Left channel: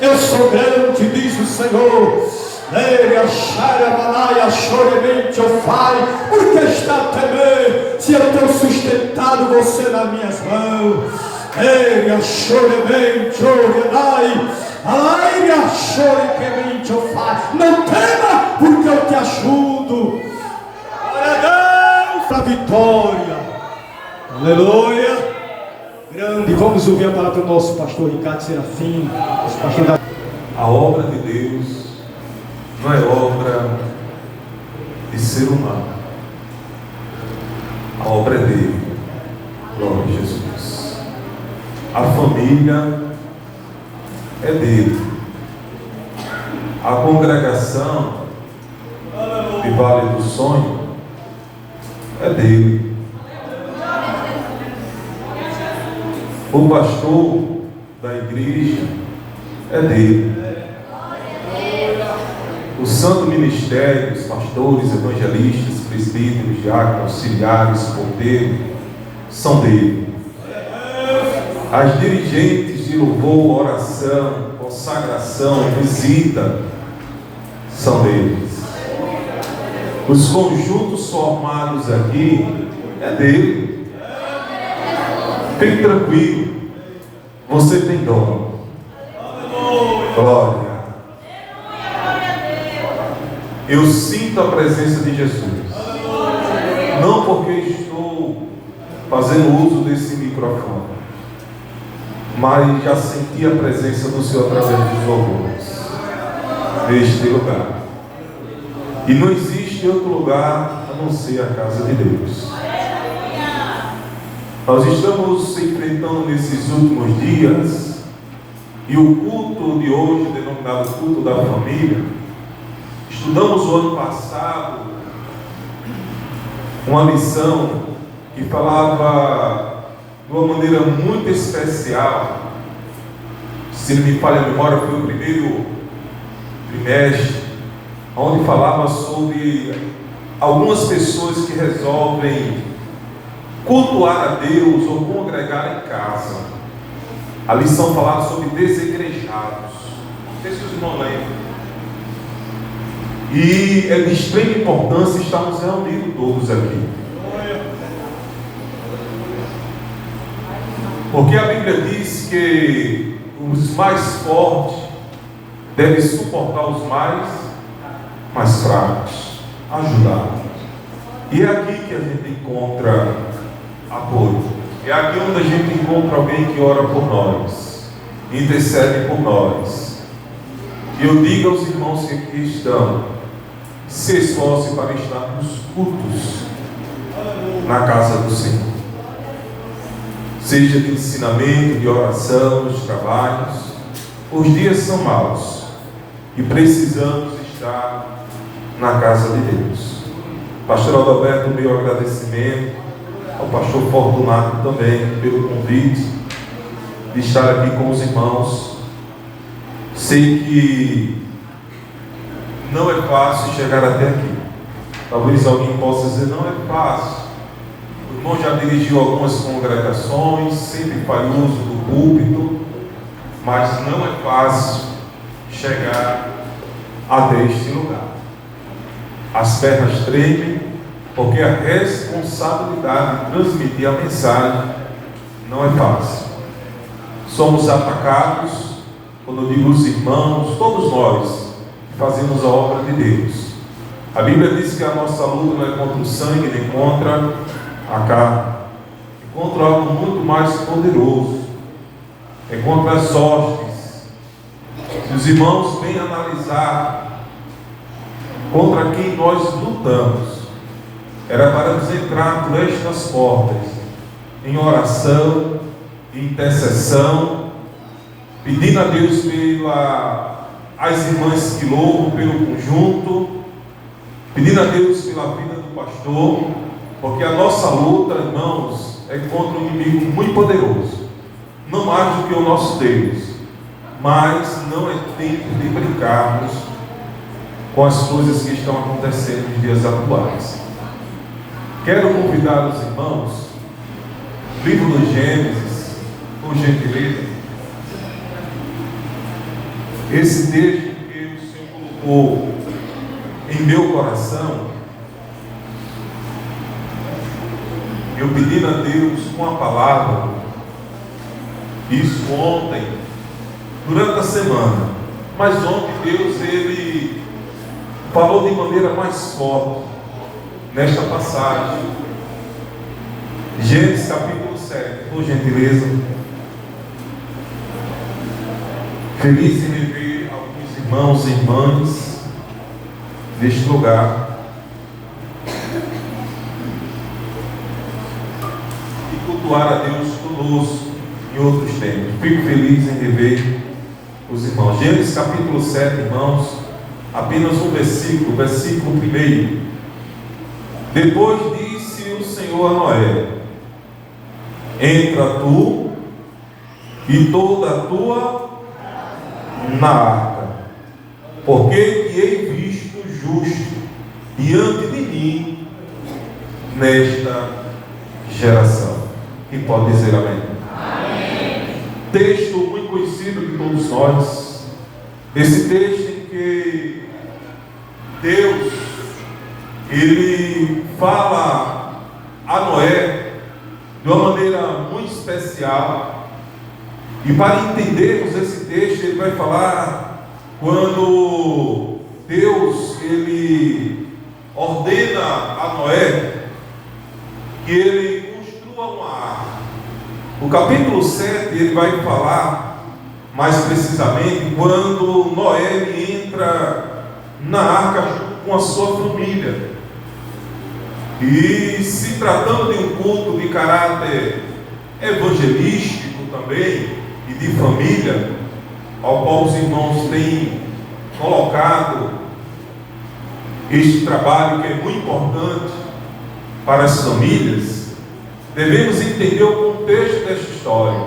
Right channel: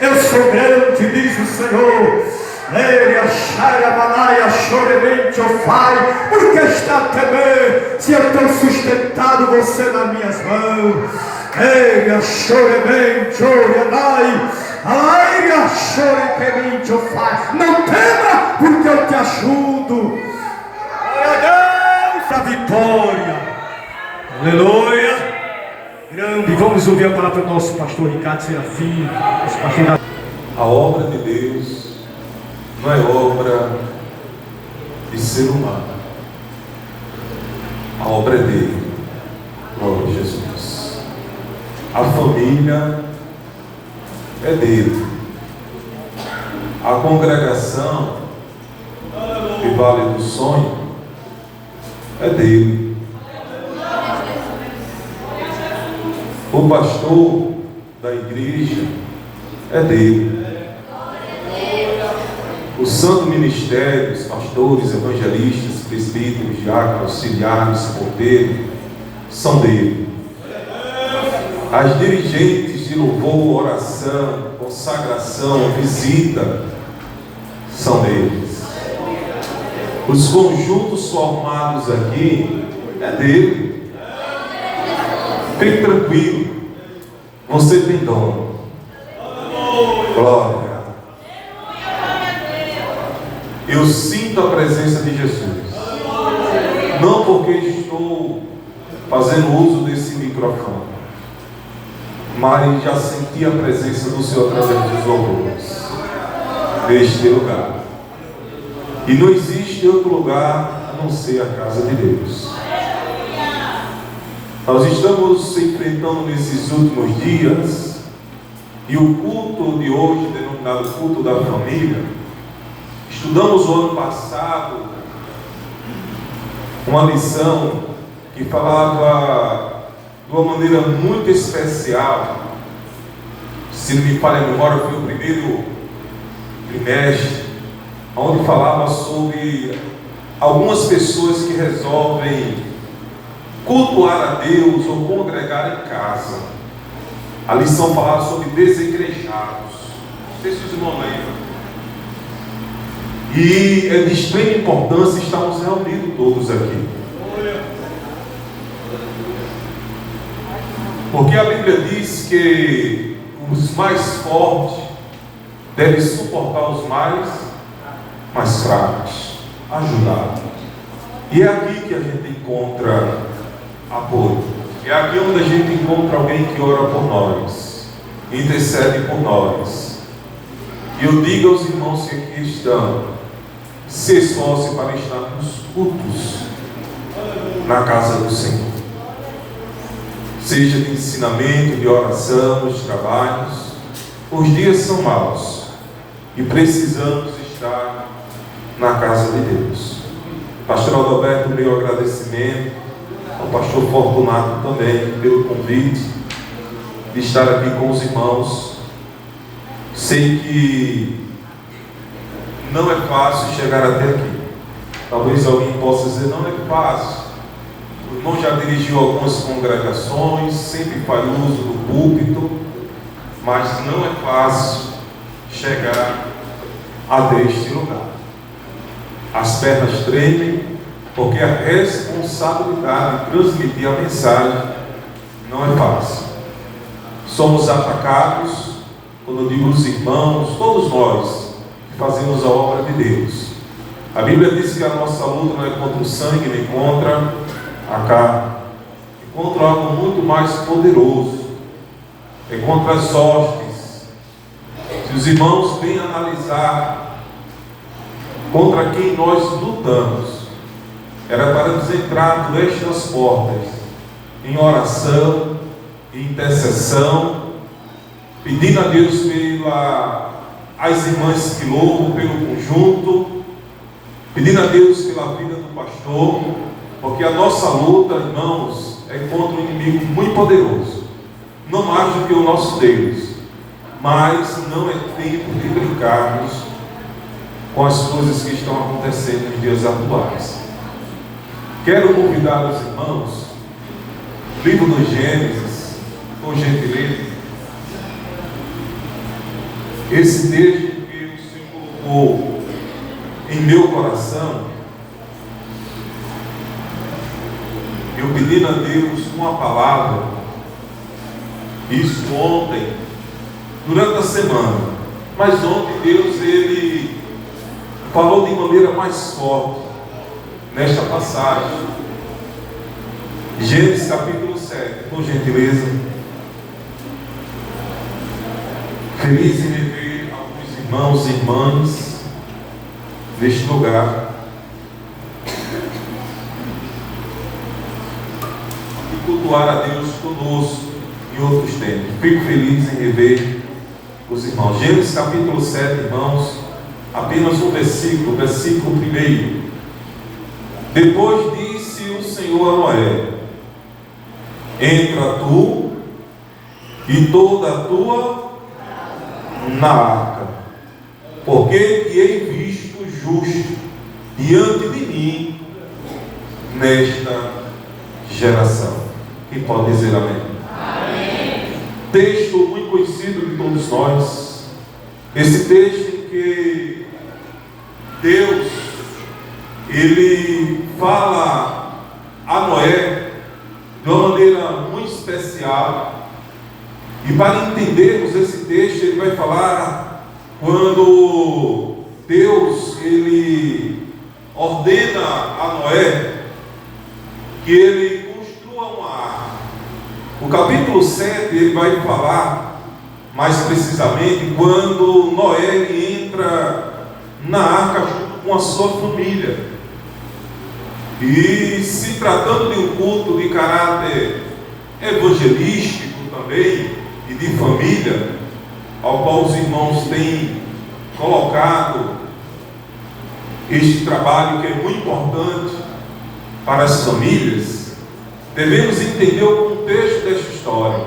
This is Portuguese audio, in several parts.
Eu sou grande, diz o Senhor. Porque está a temer, se eu tenho sustentado você nas minhas mãos. Não tema, porque eu te ajudo. Glória a Deus, a vitória. Aleluia. Grande. Vamos ouvir a palavra do nosso pastor Ricardo Serafim. A obra de Deus não é obra de ser humano. A obra é dele. Glória a Jesus. A família é dele. A congregação de Vale do Sonho é dele. O pastor da igreja é dele. O santo ministério, os pastores, evangelistas, presbíteros, diáconos, auxiliares, porteiros, são dele. As dirigentes de louvor, oração, consagração, visita, são deles. Os conjuntos formados aqui é dele. Fique tranquilo, você tem dono. Glória. Eu sinto a presença de Jesus. Não porque estou fazendo uso desse microfone, mas já senti a presença do Senhor através dos louvores neste lugar. E não existe outro lugar a não ser a casa de Deus. Nós estamos se enfrentando nesses últimos dias, e o culto de hoje, denominado culto da família, estudamos o ano passado uma lição que falava de uma maneira muito especial. Se não me falha a memória, foi o primeiro trimestre, onde falava sobre algumas pessoas que resolvem cultuar a Deus ou congregar em casa. A lição falava sobre desigrejados. Não sei se os irmãos lembram. E é de extrema importância estarmos reunidos todos aqui. Porque a Bíblia diz que os mais fortes devem suportar os mais fracos, ajudar. E é aqui que a gente encontra apoio. É aqui onde a gente encontra alguém que ora por nós, intercede por nós. E eu digo aos irmãos que aqui estão, se esforce para estar nos cultos na casa do Senhor, seja de ensinamento, de oração, nos trabalhos. Os dias são maus e precisamos estar na casa de Deus. Pastor Adalberto, meu agradecimento ao pastor Fortunato também pelo convite de estar aqui com os irmãos. Sei que não é fácil chegar até aqui. Talvez alguém possa dizer, não é fácil. O irmão já dirigiu algumas congregações, sempre faz uso do púlpito, mas não é fácil chegar até este lugar. As pernas tremem, porque a responsabilidade de transmitir a mensagem não é fácil. Somos atacados, quando eu digo os irmãos, todos nós que fazemos a obra de Deus. A Bíblia diz que a nossa luta não é contra o sangue, nem contra a carne, é contra algo muito mais poderoso, é contra as hostes. Se os irmãos bem analisar contra quem nós lutamos, era para nos entrar por estas portas, em oração, em intercessão, pedindo a Deus as irmãs que louvam pelo conjunto, pedindo a Deus pela vida do pastor, porque a nossa luta, irmãos, é contra um inimigo muito poderoso, não mais do que o nosso Deus, mas não é tempo de brincarmos com as coisas que estão acontecendo nos dias atuais. Quero convidar os irmãos, livro do Gênesis, por gentileza, esse texto que o Senhor colocou em meu coração, eu pedi a Deus com a palavra, isso ontem, durante a semana, mas ontem Deus, Ele falou de maneira mais forte, nesta passagem, Gênesis capítulo 7, por gentileza. Feliz em rever alguns irmãos e irmãs neste lugar. E cultuar a Deus conosco em outros tempos. Fico feliz em rever os irmãos. Gênesis capítulo 7, irmãos, apenas um versículo 1. Depois disse o Senhor a Noé: entra tu e toda a tua na arca, porque te hei visto justo diante de mim nesta geração. Quem pode dizer amém? Amém. texto muito conhecido de todos nós. Esse texto em que Deus, Ele fala a Noé de uma maneira muito especial. E para entendermos esse texto, Ele vai falar quando Deus, Ele ordena a Noé que ele construa uma arca. No capítulo 7 ele vai falar mais precisamente quando Noé ele entra na arca junto com a sua família. E se tratando de um culto de caráter evangelístico também e de família, ao qual os irmãos têm colocado este trabalho que é muito importante para as famílias, devemos entender o contexto desta história.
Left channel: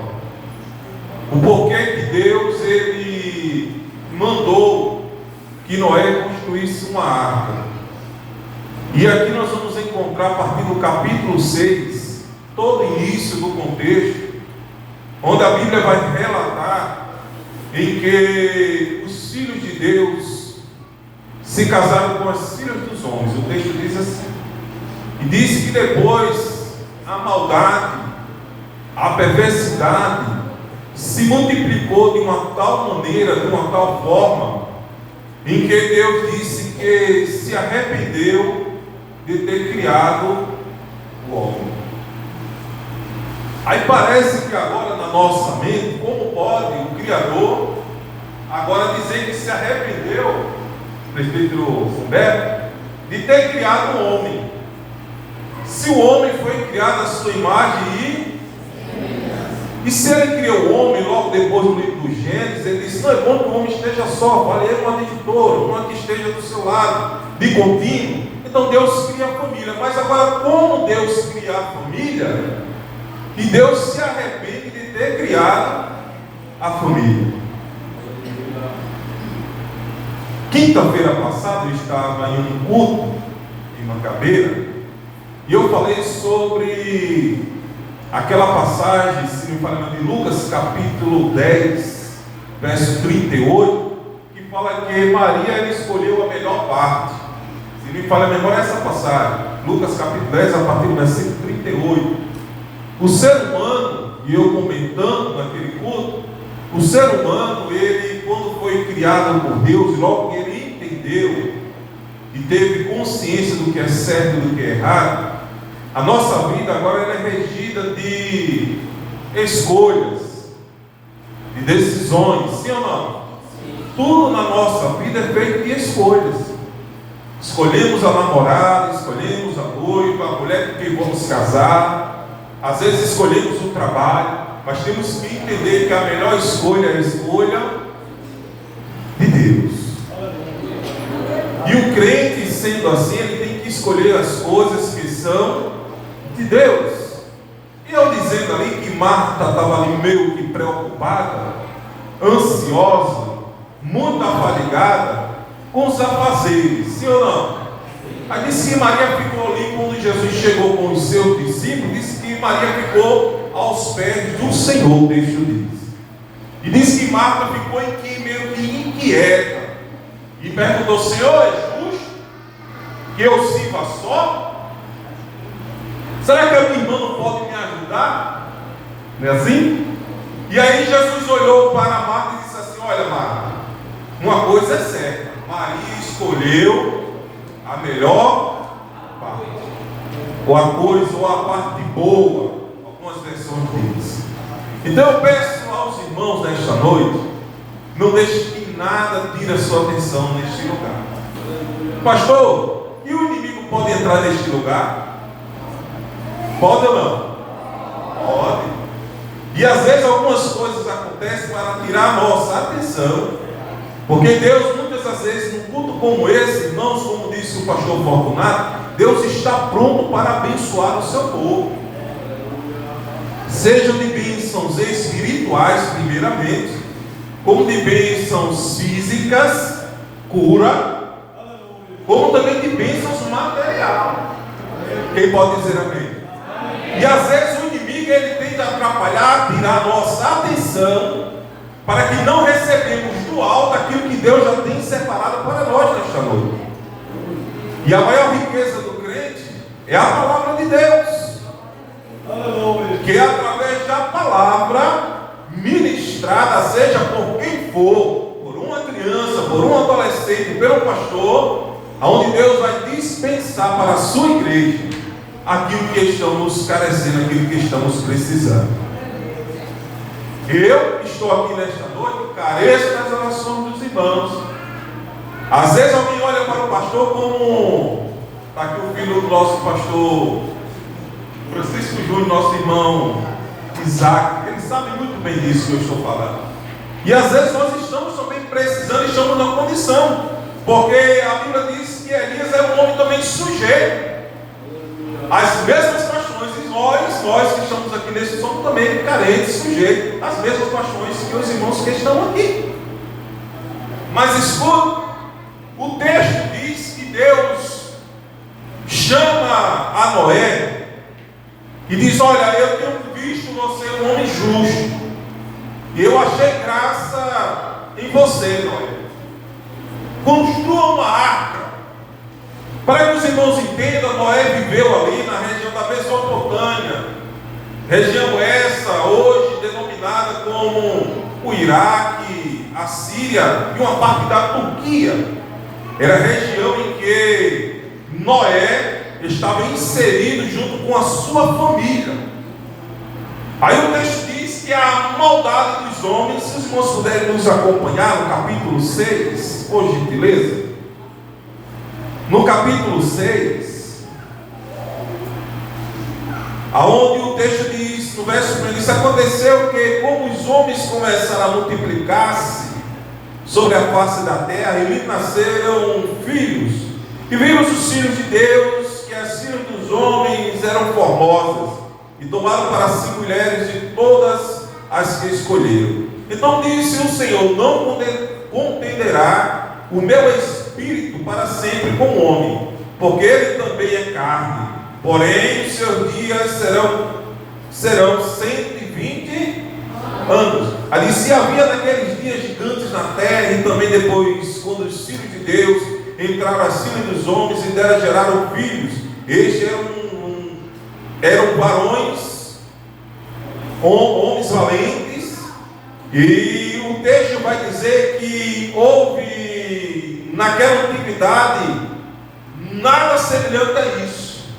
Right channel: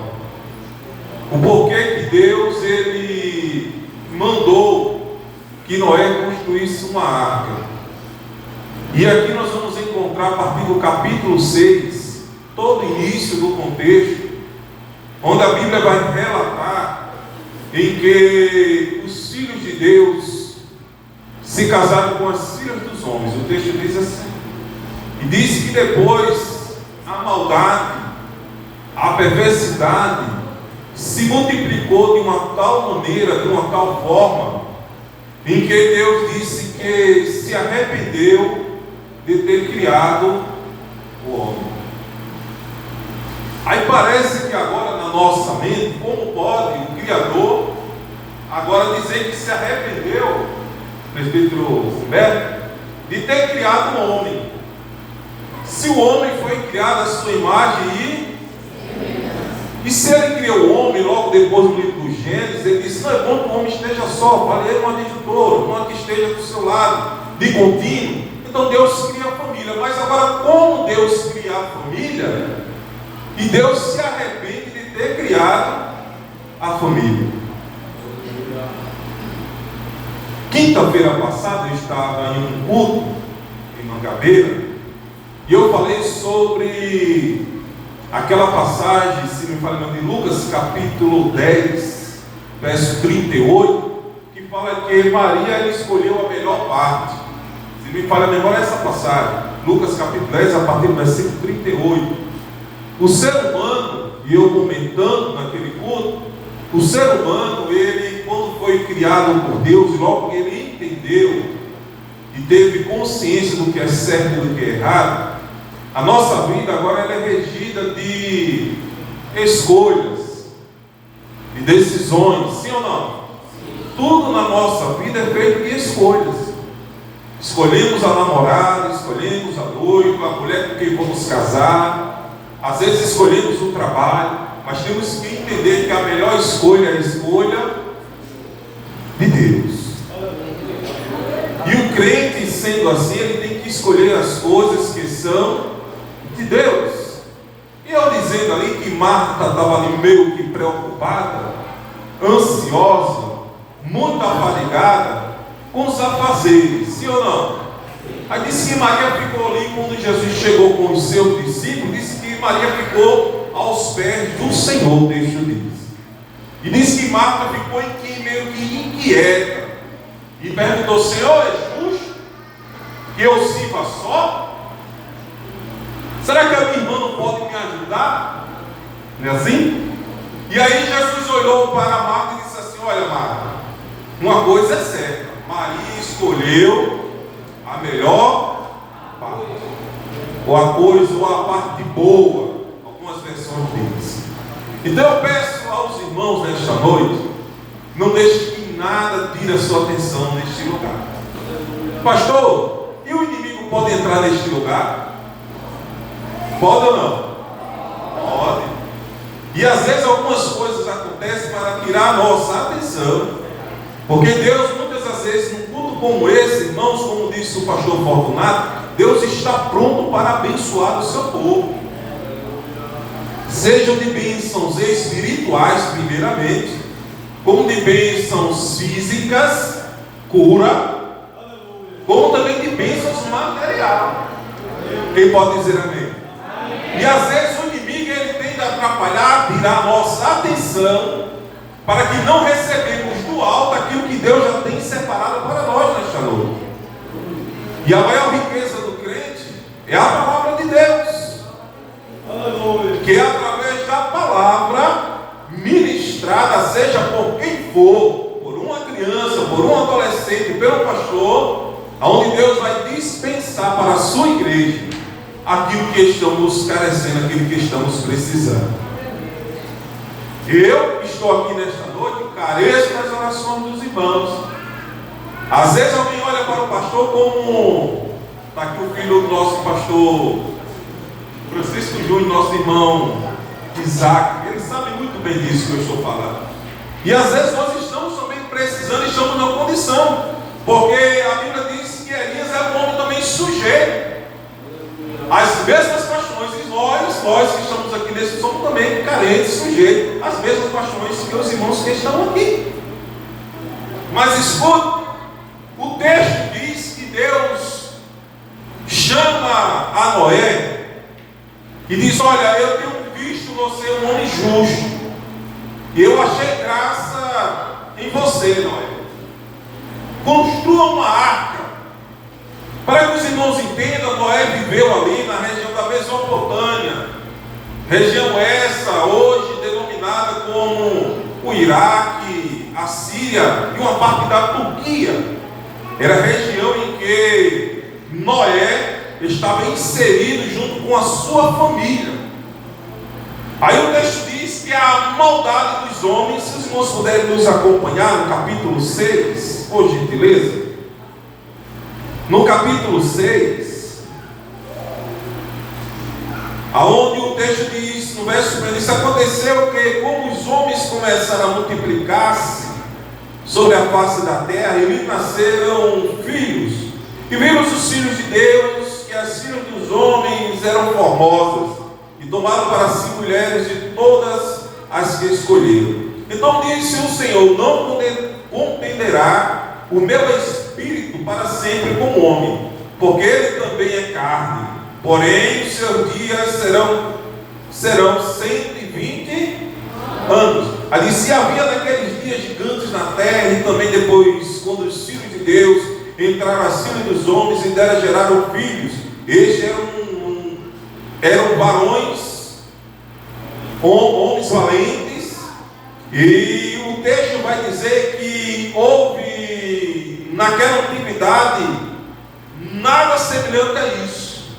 O porquê que Deus ele mandou que Noé construísse uma arca. E aqui nós vamos encontrar a partir do capítulo 6, todo o início do contexto, onde a Bíblia vai relatar em que os filhos de Deus se casaram com as filhas dos homens. O texto diz assim, e diz que depois a maldade, a perversidade se multiplicou de uma tal maneira, de uma tal forma, em que Deus disse que se arrependeu de ter criado o homem. Aí parece que agora na nossa mente, como pode o Criador agora dizer que se arrependeu, presbítero Humberto, de ter criado um homem? Se o homem foi criado à sua imagem e se ele criou o homem, logo depois do livro do Gênesis, ele disse, não é bom que o homem esteja só, falei uma editora, uma que esteja do seu lado, de contínuo. Então Deus cria a família. Mas agora, como Deus cria a família, e Deus se arrepende de ter criado a família? Quinta-feira passada eu estava em um culto em Mangabeira e eu falei sobre aquela passagem, se me falha de Lucas capítulo 10, verso 38, que fala que Maria ela escolheu a melhor parte. Se me falha a memória, essa passagem, Lucas capítulo 10, a partir do versículo 38. O ser humano, e eu comentando naquele culto, o ser humano, ele, quando foi criado por Deus, logo que ele entendeu e teve consciência do que é certo e do que é errado, a nossa vida agora ela é regida de escolhas, de decisões, sim ou não? Sim. Tudo na nossa vida é feito de escolhas. Escolhemos a namorada, escolhemos a noiva, a mulher com quem vamos casar, às vezes escolhemos o trabalho, mas temos que entender que a melhor escolha é a escolha de Deus. E o crente, sendo assim, ele tem que escolher as coisas que são de Deus. E eu dizendo ali que Marta estava ali meio que preocupada, ansiosa, muito afadigada com os afazeres, sim ou não? Aí disse que Maria ficou ali quando Jesus chegou com os seus discípulos, disse que Maria ficou aos pés do Senhor, texto diz. E disse que Marta ficou meio que inquieta e perguntou, Senhor, é justo que eu sirva só? Será que a minha irmã não pode me ajudar? Não é assim? E aí Jesus olhou para Marta e disse assim, olha Marta, uma coisa é certa, Maria escolheu a melhor parte, ou a coisa, ou a parte boa, algumas versões dizem. Então eu peço aos irmãos nesta noite, não deixe que nada tire a sua atenção neste lugar. Pastor, e o inimigo pode entrar neste lugar? Pode ou não? Pode. E às vezes algumas coisas acontecem para tirar a nossa atenção, porque Deus muitas das vezes num culto como esse, irmãos, como disse o pastor Fortunato, Deus está pronto para abençoar o seu povo, seja de bênçãos espirituais primeiramente, como de bênçãos físicas, cura, como também de bênçãos materiais. Quem pode dizer amém? E às vezes o inimigo ele tende a atrapalhar, tirar a nossa atenção condição para que não recebemos do alto aquilo que Deus já tem separado para nós nesta noite. E a maior riqueza do crente é a palavra de Deus. Aleluia. Que é através da palavra ministrada, seja por quem for, por uma criança, por um adolescente, pelo pastor, onde Deus vai dispensar para a sua igreja aquilo que estamos carecendo, aquilo que estamos precisando. Eu estou aqui nesta noite, careço das orações dos irmãos. Às vezes alguém olha para o pastor como, está aqui o filho do nosso pastor Francisco Júnior, nosso irmão Isaac, ele sabe muito bem disso que eu estou falando. E às vezes nós estamos também precisando, estamos numa condição, porque a Bíblia diz que Elias era um homem também sujeito às mesmas paixões, e nós que estamos aqui nesse somos também carentes, sujeitos às mesmas paixões que os irmãos que estão aqui. Mas escuta, o texto diz que Deus chama a Noé e diz: olha, eu tenho visto você um homem justo, e eu achei graça em você, Noé. Construa uma arca. Para que os irmãos entendam, Noé viveu ali na região da Mesopotâmia, região essa hoje denominada como o Iraque, a Síria e uma parte da Turquia. Era a região em que Noé estava inserido junto com a sua família. Aí o texto diz que a maldade dos homens, se os irmãos puderem nos acompanhar no capítulo 6, por gentileza. No capítulo 6, aonde o texto diz, no verso 1, isso aconteceu que, como os homens começaram a multiplicar-se sobre a face da terra, e lhe nasceram filhos, e viram os filhos de Deus, que as filhas dos homens eram formosas, e tomaram para si mulheres de todas as que escolheram. Então disse o Senhor: não contenderá o meu espírito para sempre com o homem, porque ele também é carne, porém os seus dias serão 120 anos. Ali se havia naqueles dias gigantes na terra, e também depois, quando os filhos de Deus entraram acima dos homens e dela geraram filhos, estes eram varões, homens valentes. E o texto vai dizer que houve naquela antiguidade nada semelhante a isso.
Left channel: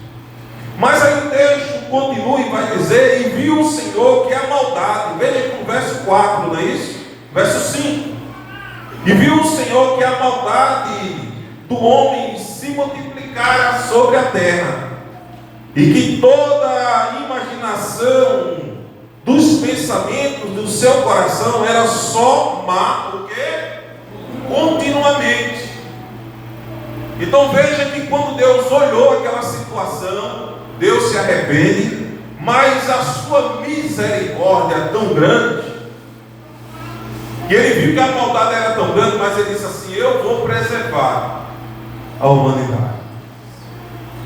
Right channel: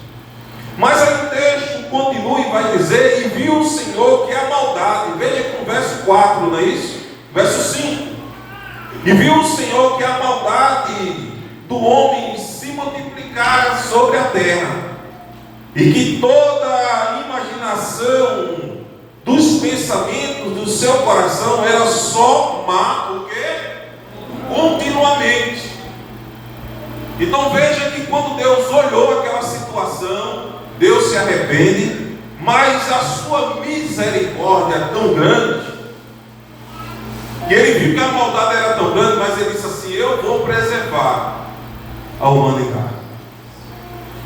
Mas aí o texto continua e vai dizer: e viu o Senhor que a maldade, veja com o verso 4, não é isso? Verso 5. E viu o Senhor que a maldade do homem se multiplicara sobre a terra, e que toda a imaginação dos pensamentos do seu coração era só má, porque continuamente. Então veja que quando Deus olhou aquela situação, Deus se arrepende, mas a sua misericórdia é tão grande, que ele viu que a maldade era tão grande, mas ele disse assim: eu vou preservar a humanidade.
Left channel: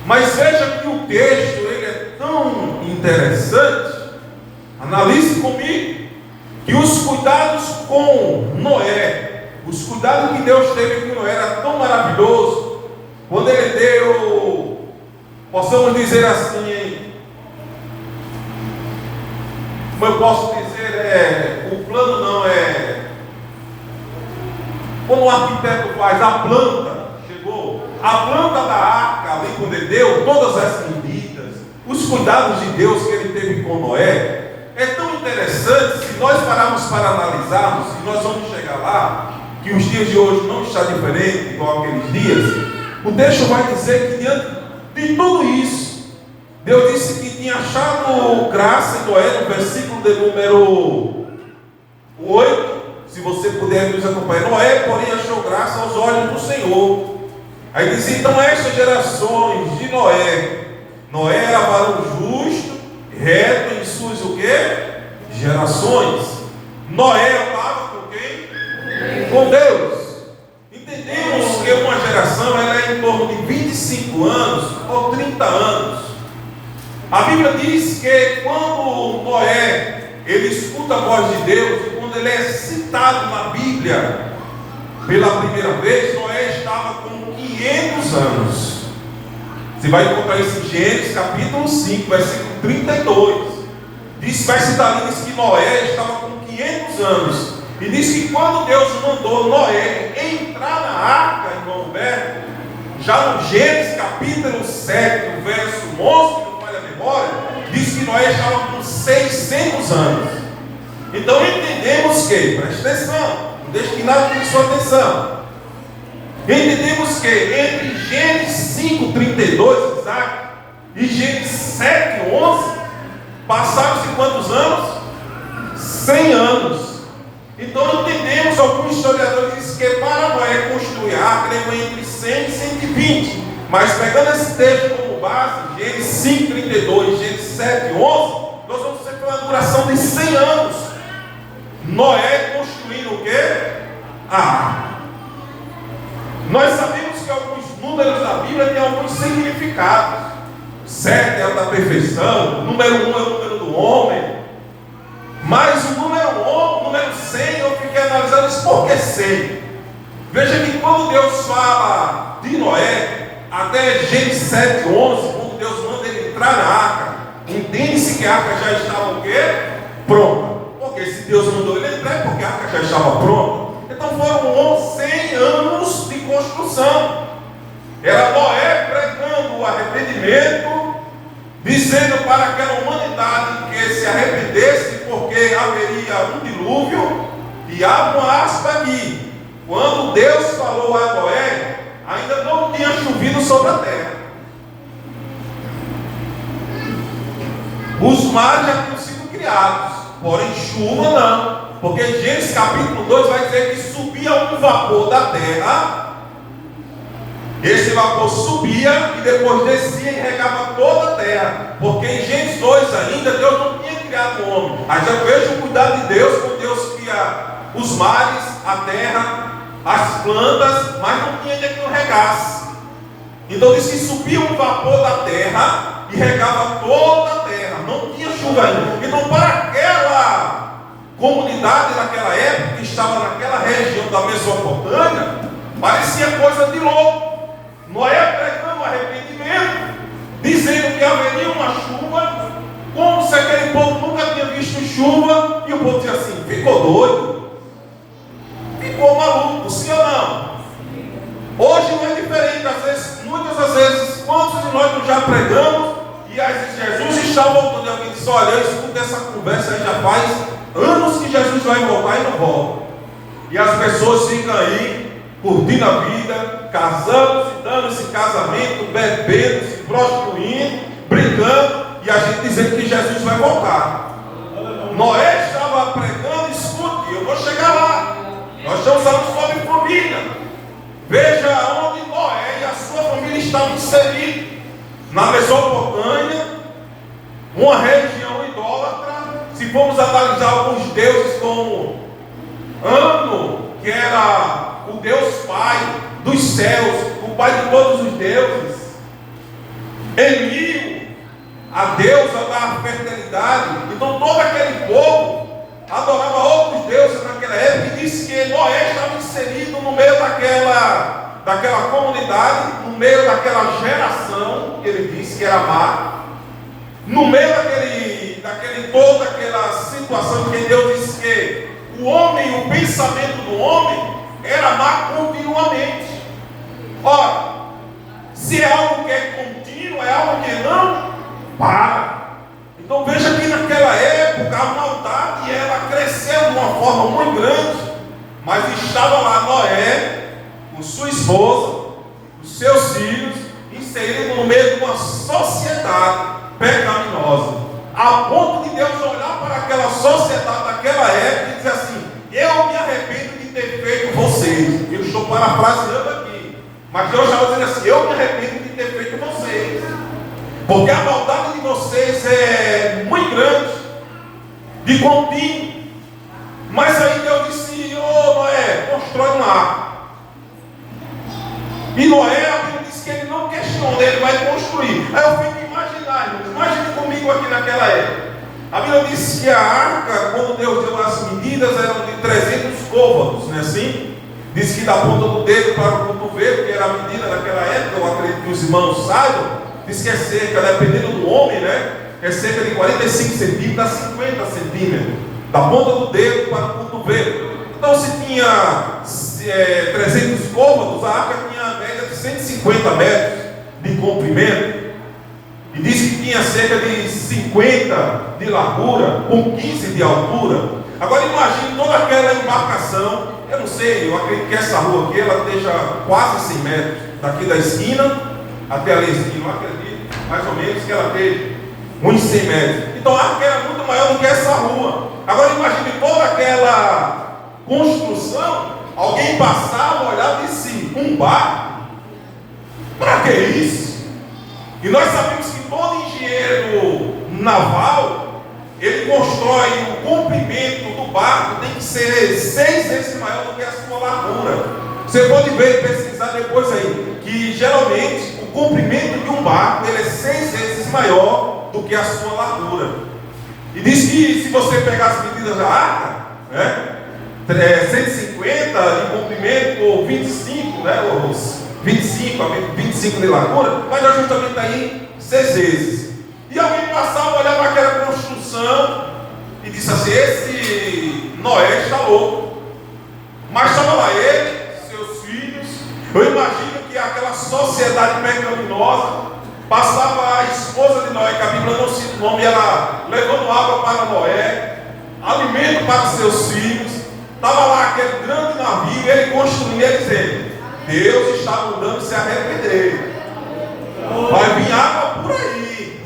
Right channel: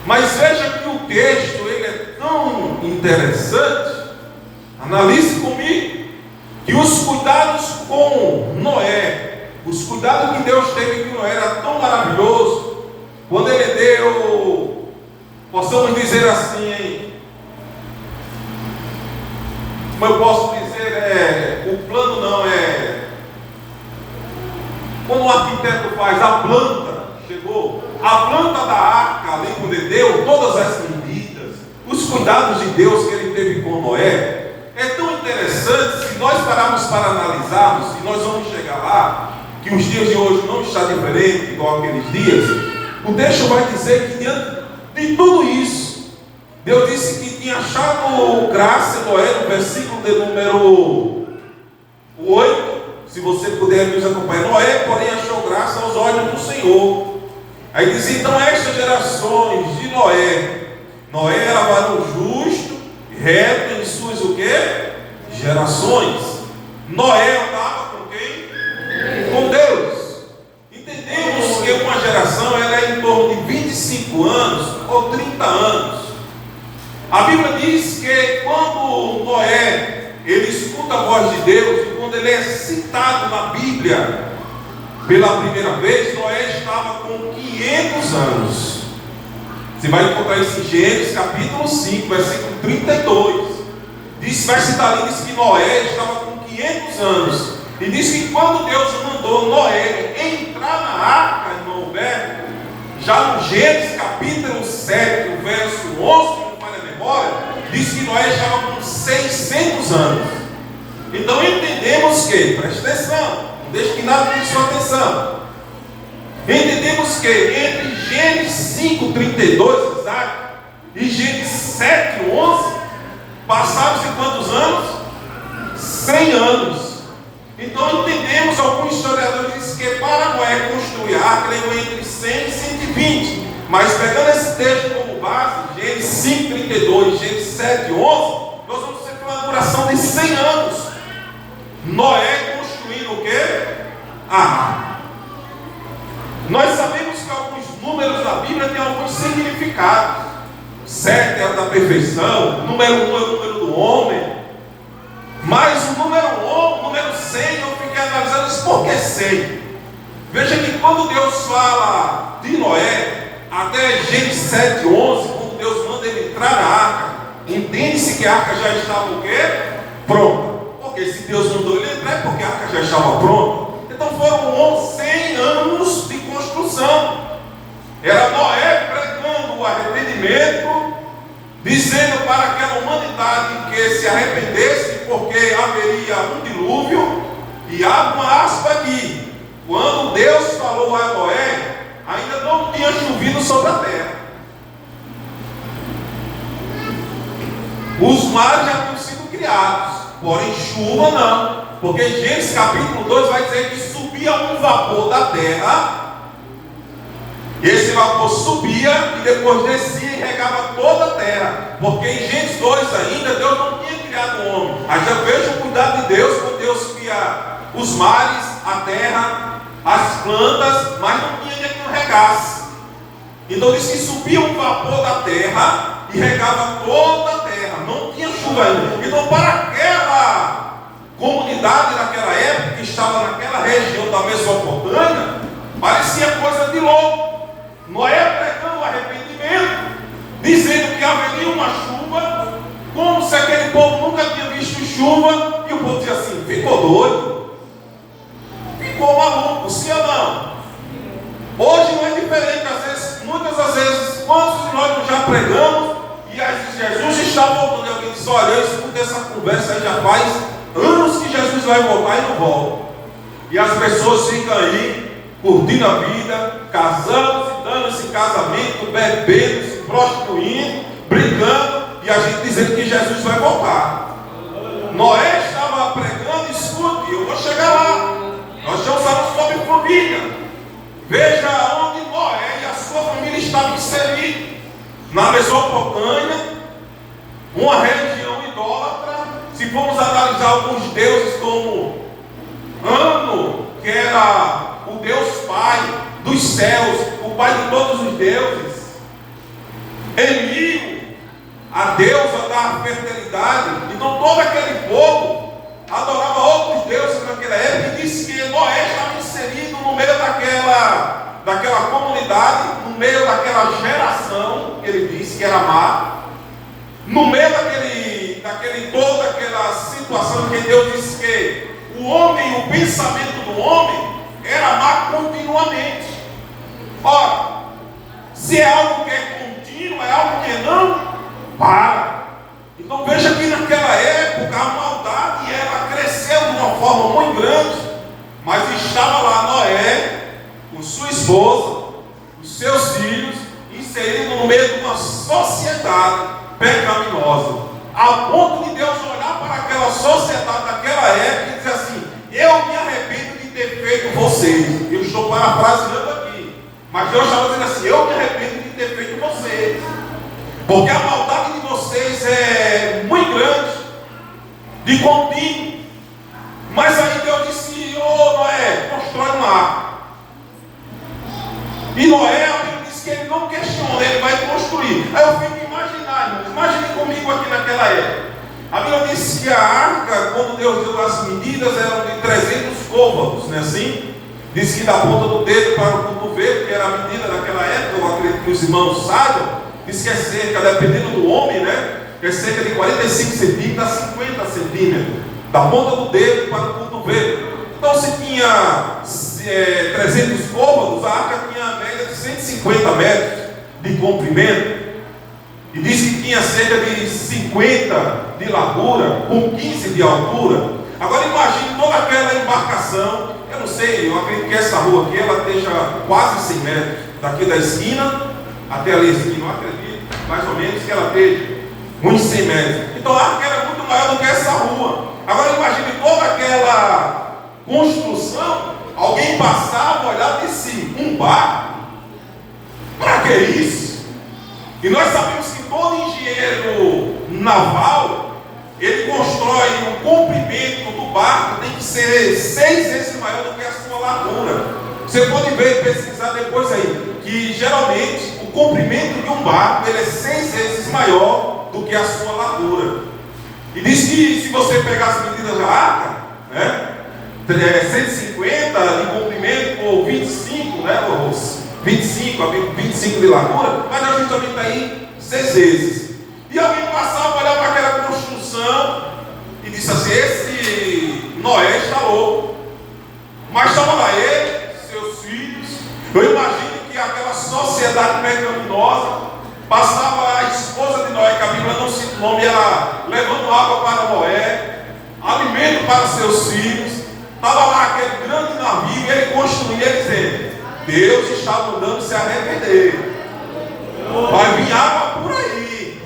Mas veja que o texto ele é tão interessante. Analise comigo que os cuidados com Noé, os cuidados que Deus teve com Noé era tão maravilhoso, quando ele deu, possamos dizer assim, como eu posso dizer, o plano não é, quando o arquiteto faz a planta, chegou, a planta da arca, ali quando ele deu todas as medidas, os cuidados de Deus que ele teve com Noé, é tão interessante. Se nós pararmos para analisarmos, e nós vamos chegar lá, que os dias de hoje não está diferente igual aqueles dias, o texto vai dizer que diante de tudo isso, Deus disse que tinha achado graça em Noé, no versículo de número 8, se você puder nos acompanhar. Noé, porém, achou graça aos olhos do Senhor. Aí diz: então estas gerações de Noé era varão justo, reto em suas o quê? Gerações. Noé andava com quem? Com Deus. Entendemos que uma geração era em torno de 25 anos ou 30 anos. A Bíblia diz que quando Noé ele escuta escuta a voz de Deus, e quando ele é citado na Bíblia pela primeira vez, Noé estava com 500 anos. Você vai encontrar isso em Gênesis capítulo 5, versículo 32. Vai citar ali, diz que Noé estava com 500 anos. E diz que quando Deus mandou Noé entrar na arca, irmão Humberto, já no Gênesis capítulo 7, verso 11, não falha a memória, diz que Noé estava com 600 anos. Então entendemos que, preste atenção, não deixe que nada tire sua atenção. Entendemos que entre Gênesis 5:32, Isaac, e Gênesis 7:11, passaram-se quantos anos? 100 anos. Então entendemos, alguns historiadores dizem que para Noé construir a arca, levou entre 100 e 120. Mas pegando esse texto como base, Gênesis 5:32, Gênesis 7:11, nós vamos ter uma duração de 100 anos. Noé construindo o quê? A arca. Nós sabemos que alguns números da Bíblia têm alguns significados. 7 é o da perfeição, número 1 é o número do homem. Mas o número 100, eu fiquei analisando isso, por que 100? Veja que quando Deus fala de Noé, até Gênesis 7:11, quando Deus manda ele entrar na arca, entende-se que a arca já estava o quê? Pronta. Porque se Deus mandou ele entrar, é porque a arca já estava pronta. Então foram 100 anos de construção. Era Noé pregando o arrependimento, dizendo para aquela humanidade que se arrependesse, porque haveria um dilúvio. E abre uma aspa aqui: quando Deus falou a Noé, ainda não tinha chovido sobre a terra. Os mares já tinham sido criados, porém chuva não. Porque Gênesis capítulo 2 vai dizer que subia um vapor da terra. Esse vapor subia e depois descia e regava toda a terra. Porque em Gênesis 2 ainda Deus não tinha criado o homem. Aí já vejo o cuidado de Deus, quando Deus cria os mares, a terra, as plantas, mas não tinha ainda que não regasse. Então diz que subia um vapor da terra e regava toda a terra. Não tinha chuva ainda. Então para aquela comunidade naquela época, que estava naquela região da Mesopotâmia, parecia coisa de louco. Noé pregando arrependimento, dizendo que haveria uma chuva, como se aquele povo nunca tinha visto chuva, e o povo dizia assim: ficou doido, ficou maluco, sim ou não? Hoje não é diferente, às vezes, muitas das vezes, quantos de nós já pregamos, e Jesus está voltando, e alguém diz: olha, eu escuto essa conversa aí já faz anos que Jesus vai voltar e não volta. E as pessoas ficam aí curtindo a vida, casando, se dando esse casamento, bebendo, se prostituindo, brincando, e a gente dizendo que Jesus vai voltar. Noé estava pregando: escute, eu vou chegar lá. Nós estamos falando sobre família. Veja onde Noé e a sua família estavam inseridos. Na Mesopotâmia, uma região idólatra. Se formos analisar alguns deuses como Ano, que era o Deus Pai dos céus, o Pai de todos os deuses. Enlil, a deusa da fertilidade. Então todo aquele povo adorava outros deuses naquela época, e disse que Noé estava inserido no meio daquela comunidade, no meio daquela geração, que ele disse que era má, no meio toda aquela situação que Deus disse que o homem, o pensamento do homem era má continuamente. Ora, se é algo que é contínuo, é algo que não para. Então veja que naquela época a maldade ela cresceu de uma forma muito grande, mas estava lá Noé com sua esposa, os seus filhos, inserido no meio de uma sociedade pecaminosa, a ponto de Deus olhar para aquela sociedade daquela época e dizer assim: eu me arrependo de ter feito vocês. Eu estou parafraseando aqui, mas Deus estava dizendo assim: eu me arrependo de ter feito vocês, porque a maldade de vocês é muito grande, de contínuo. Mas aí Deus disse: ô Noé, constrói uma arca. E Noé, a Bíblia diz que ele não questiona, ele vai construir. Aí eu fico imaginando, imagine comigo aqui naquela época. A Bíblia diz que a arca, quando Deus deu as medidas, eram de 300 côvados, não é assim? Diz que da ponta do dedo para o cotovelo, que era a medida daquela época, eu acredito que os irmãos saibam, diz que é cerca, dependendo do homem, né? É cerca de 45 centímetros a 50 centímetros, da ponta do dedo para o cotovelo. Então, se tinha 300 côvados, a arca tinha a média de 150 metros de comprimento. E diz que tinha cerca de 50 de largura, com 15 de altura. Agora imagine toda aquela embarcação. Eu não sei, eu acredito que essa rua aqui, ela esteja quase 100 metros. Daqui da esquina até ali a esquina, eu acredito, mais ou menos, que ela esteja uns 100 metros. Então a arca era muito maior do que essa rua. Agora imagine toda aquela construção. Alguém passava, olhava e disse, um barco? Para que isso? E nós sabemos que todo engenheiro naval, ele constrói o comprimento do barco, tem que ser 6 vezes maior do que a sua largura. Você pode ver, pesquisar depois aí, que geralmente o comprimento de um barco, ele é 6 vezes maior do que a sua largura. E diz que se você pegar as medidas da arca, né, 150 de comprimento ou 25, né, 25 de largura, mas a gente também está aí 6 vezes. E alguém passava, olhava aquela construção e disse assim, esse Noé está louco. Mas estava lá ele, seus filhos. Eu imagino que aquela sociedade pecaminosa passava a esposa de Noé, que a Bíblia não cita o nome, ela levando água para Noé, alimento para seus filhos. Estava lá aquele grande navio, ele construindo, ele dizendo, Deus está mandando se arrepender. Vai vir água por aí.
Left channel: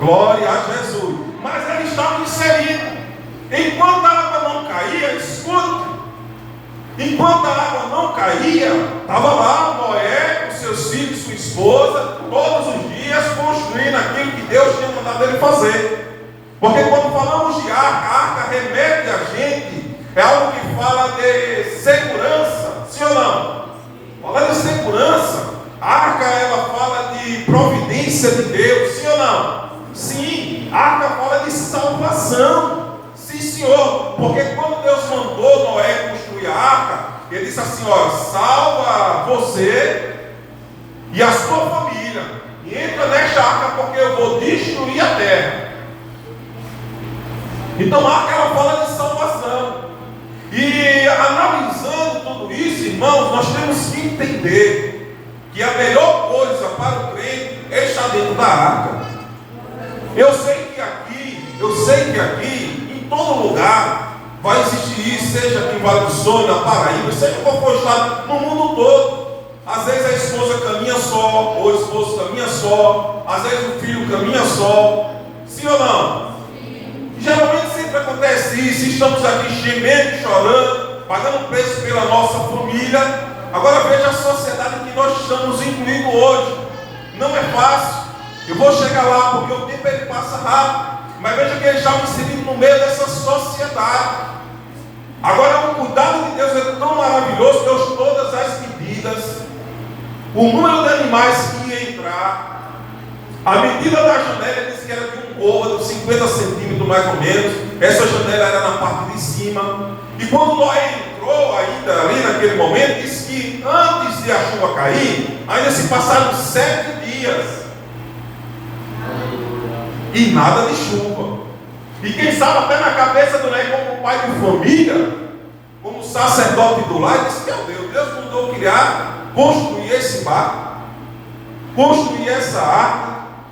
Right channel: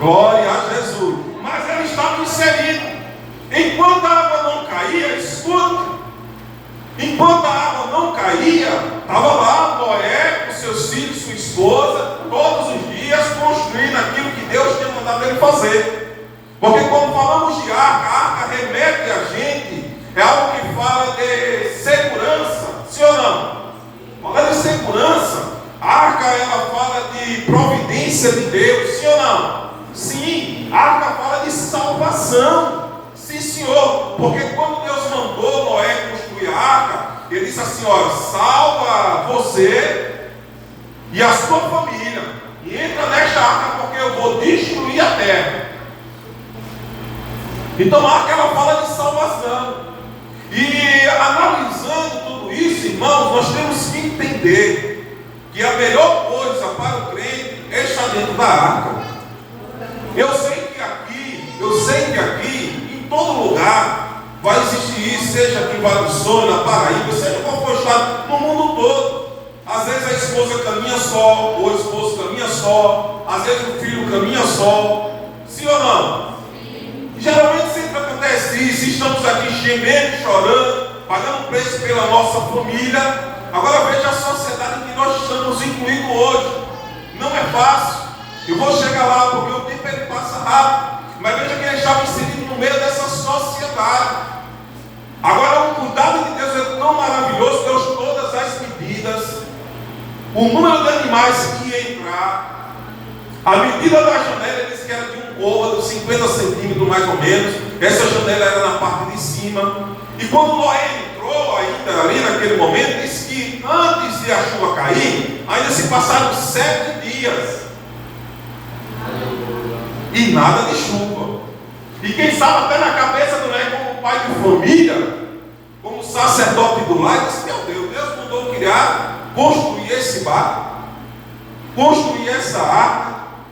Glória a Jesus. Mas eles estavam inseridos. Enquanto a água não caía, escute. Enquanto a água não caía, estava lá Noé com seus filhos, sua esposa, todos os dias construindo aquilo que Deus tinha mandado ele fazer. Porque quando falamos de arca, a arca remete a gente, é algo que fala de segurança, sim ou não? Falando de segurança, a arca ela fala de providência de Deus, sim ou não? Sim, a arca fala de salvação, sim senhor, porque quando Deus mandou Noé construir a arca, ele disse assim, olha, salva você e a sua família, e entra nesta arca porque eu vou destruir a terra. Então a arca ela fala de salvação. E analisando tudo isso, irmãos, nós temos que entender que a melhor coisa para o crente é estar dentro da arca. Eu sei que aqui, em todo lugar, vai existir isso, seja aqui em Vale do Sol, na Paraíba, seja qual for o estado, no mundo todo. Às vezes a esposa caminha só, ou o esposo caminha só, às vezes o filho caminha só, sim ou não? Geralmente sempre acontece isso, estamos aqui gemendo, chorando, pagando preço pela nossa família. Agora veja a sociedade em que nós estamos incluídos hoje. Não é fácil. Eu vou chegar lá porque o tempo ele passa rápido. Mas veja que eles estavam inseridos no meio dessa sociedade. Agora o cuidado de Deus é tão maravilhoso, Deus todas as medidas, o número de animais que ia entrar, a medida da janela disse que era de um côvado, 50 centímetros mais ou menos. Essa janela era na parte de cima. E quando Noé entrou ainda ali naquele momento, disse que antes de a chuva cair, ainda se passaram 7 dias. E nada de chuva. E quem sabe até na cabeça do Noé, como pai de família, como sacerdote do lar, disse, meu Deus mandou criar, construir esse barco, construir essa arca.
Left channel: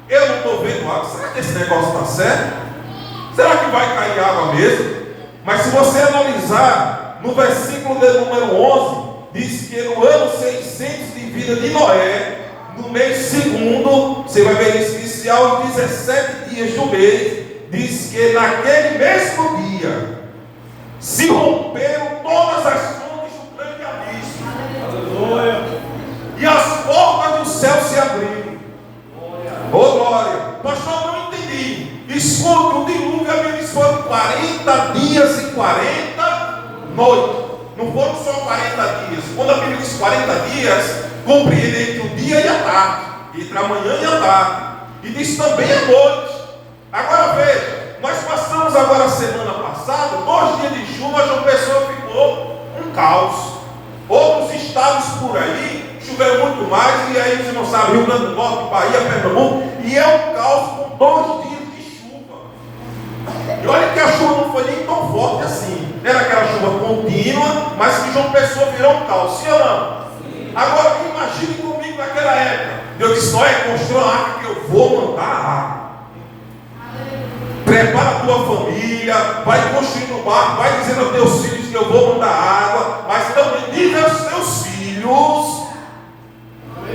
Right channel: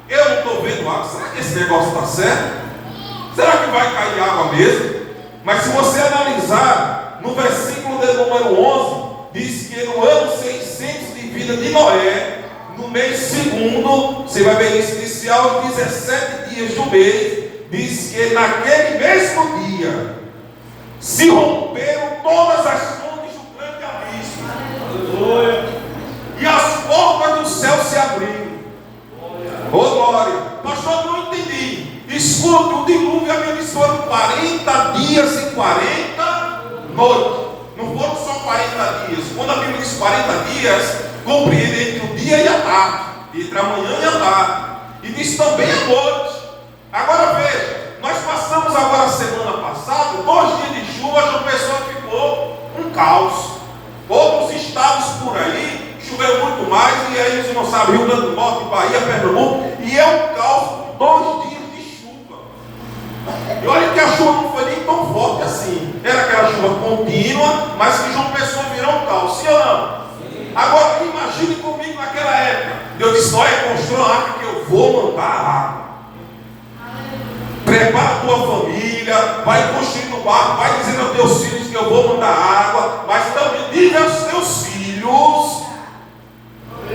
Eu não estou vendo água. Será que esse negócio está certo? Será que vai cair água mesmo? Mas se você analisar no versículo de número 11, diz que no ano 600 de vida de Noé, no mês segundo, você vai ver isso inicial, em 17 dias do mês, diz que naquele mesmo dia se romperam todas as fontes do grande abismo. E as portas do céu se abriram. Oh glória! Pastor, não entendi. Escute, o dilúvio a Bíblia diz foram 40 dias e 40 noites. Não foram só 40 dias. Quando a Bíblia diz 40 dias, compreende entre o dia e a tarde, entre a manhã e a tarde. E diz também a noite. Agora veja, nós passamos agora a semana passada, 2 dias de chuva, João Pessoa ficou um caos. Outros estados por aí choveu muito mais, e aí você não sabe, Rio Grande do Norte, Bahia, Pernambuco, e é um caos com 2 dias de chuva. E olha que a chuva não foi nem tão forte assim, era aquela chuva contínua, mas que João Pessoa virou um caos, sim ou não? Agora imagine comigo naquela época. Deus disse: olha, construa uma arca que eu vou mandar a arca. Prepara a tua família, vai construindo um barco, vai dizendo aos teus filhos que eu vou mandar água, mas também diga aos teus filhos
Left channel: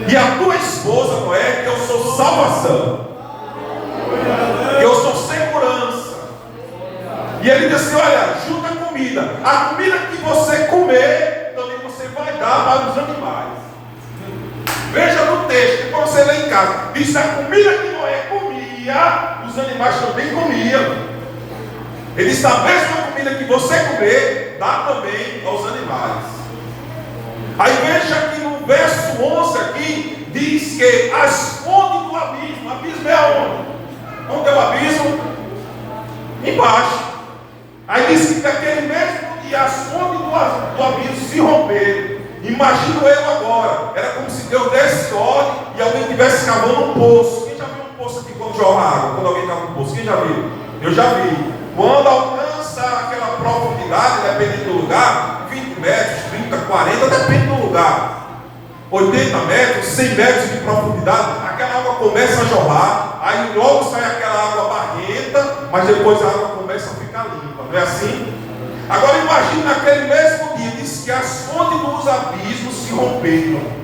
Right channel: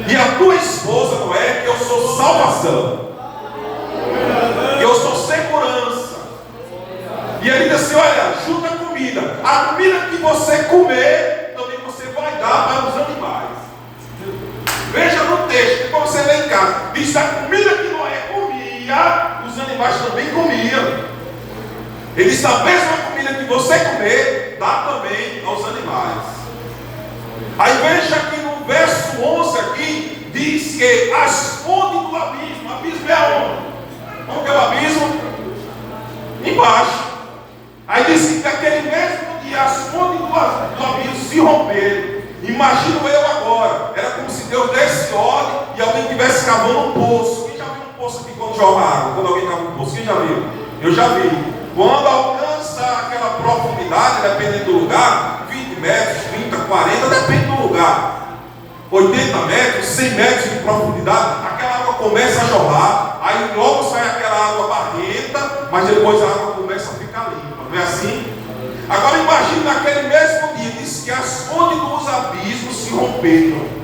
e a tua esposa, não é, que eu sou salvação, que eu sou segurança. E ele diz assim: olha, junta a comida que você comer, também você vai dar para os animais. Veja no texto, para você ler em casa, diz: a comida que Noé comia, os animais também comiam. Ele diz: a mesma comida que você comer, dá também aos animais. Aí veja que no verso 11 aqui, diz que as fontes do abismo é aonde? Onde é o abismo? Embaixo. Aí diz que naquele mesmo dia as fontes do abismo se romperam. Imagino eu agora, era como se Deus desse ordem e alguém estivesse cavando um poço. Quem já viu um poço aqui quando joga água? Quando alguém cava um poço, quem já viu? Eu já vi. Quando alcança aquela profundidade, dependendo do lugar, 20 metros, 30, 40, depende do lugar, 80 metros, 100 metros de profundidade, aquela água começa a jorrar, aí logo sai aquela água barrenta, mas depois a água começa a ficar limpa, não é assim? Agora imagine naquele mesmo dia, diz que as fontes dos abismos se romperam.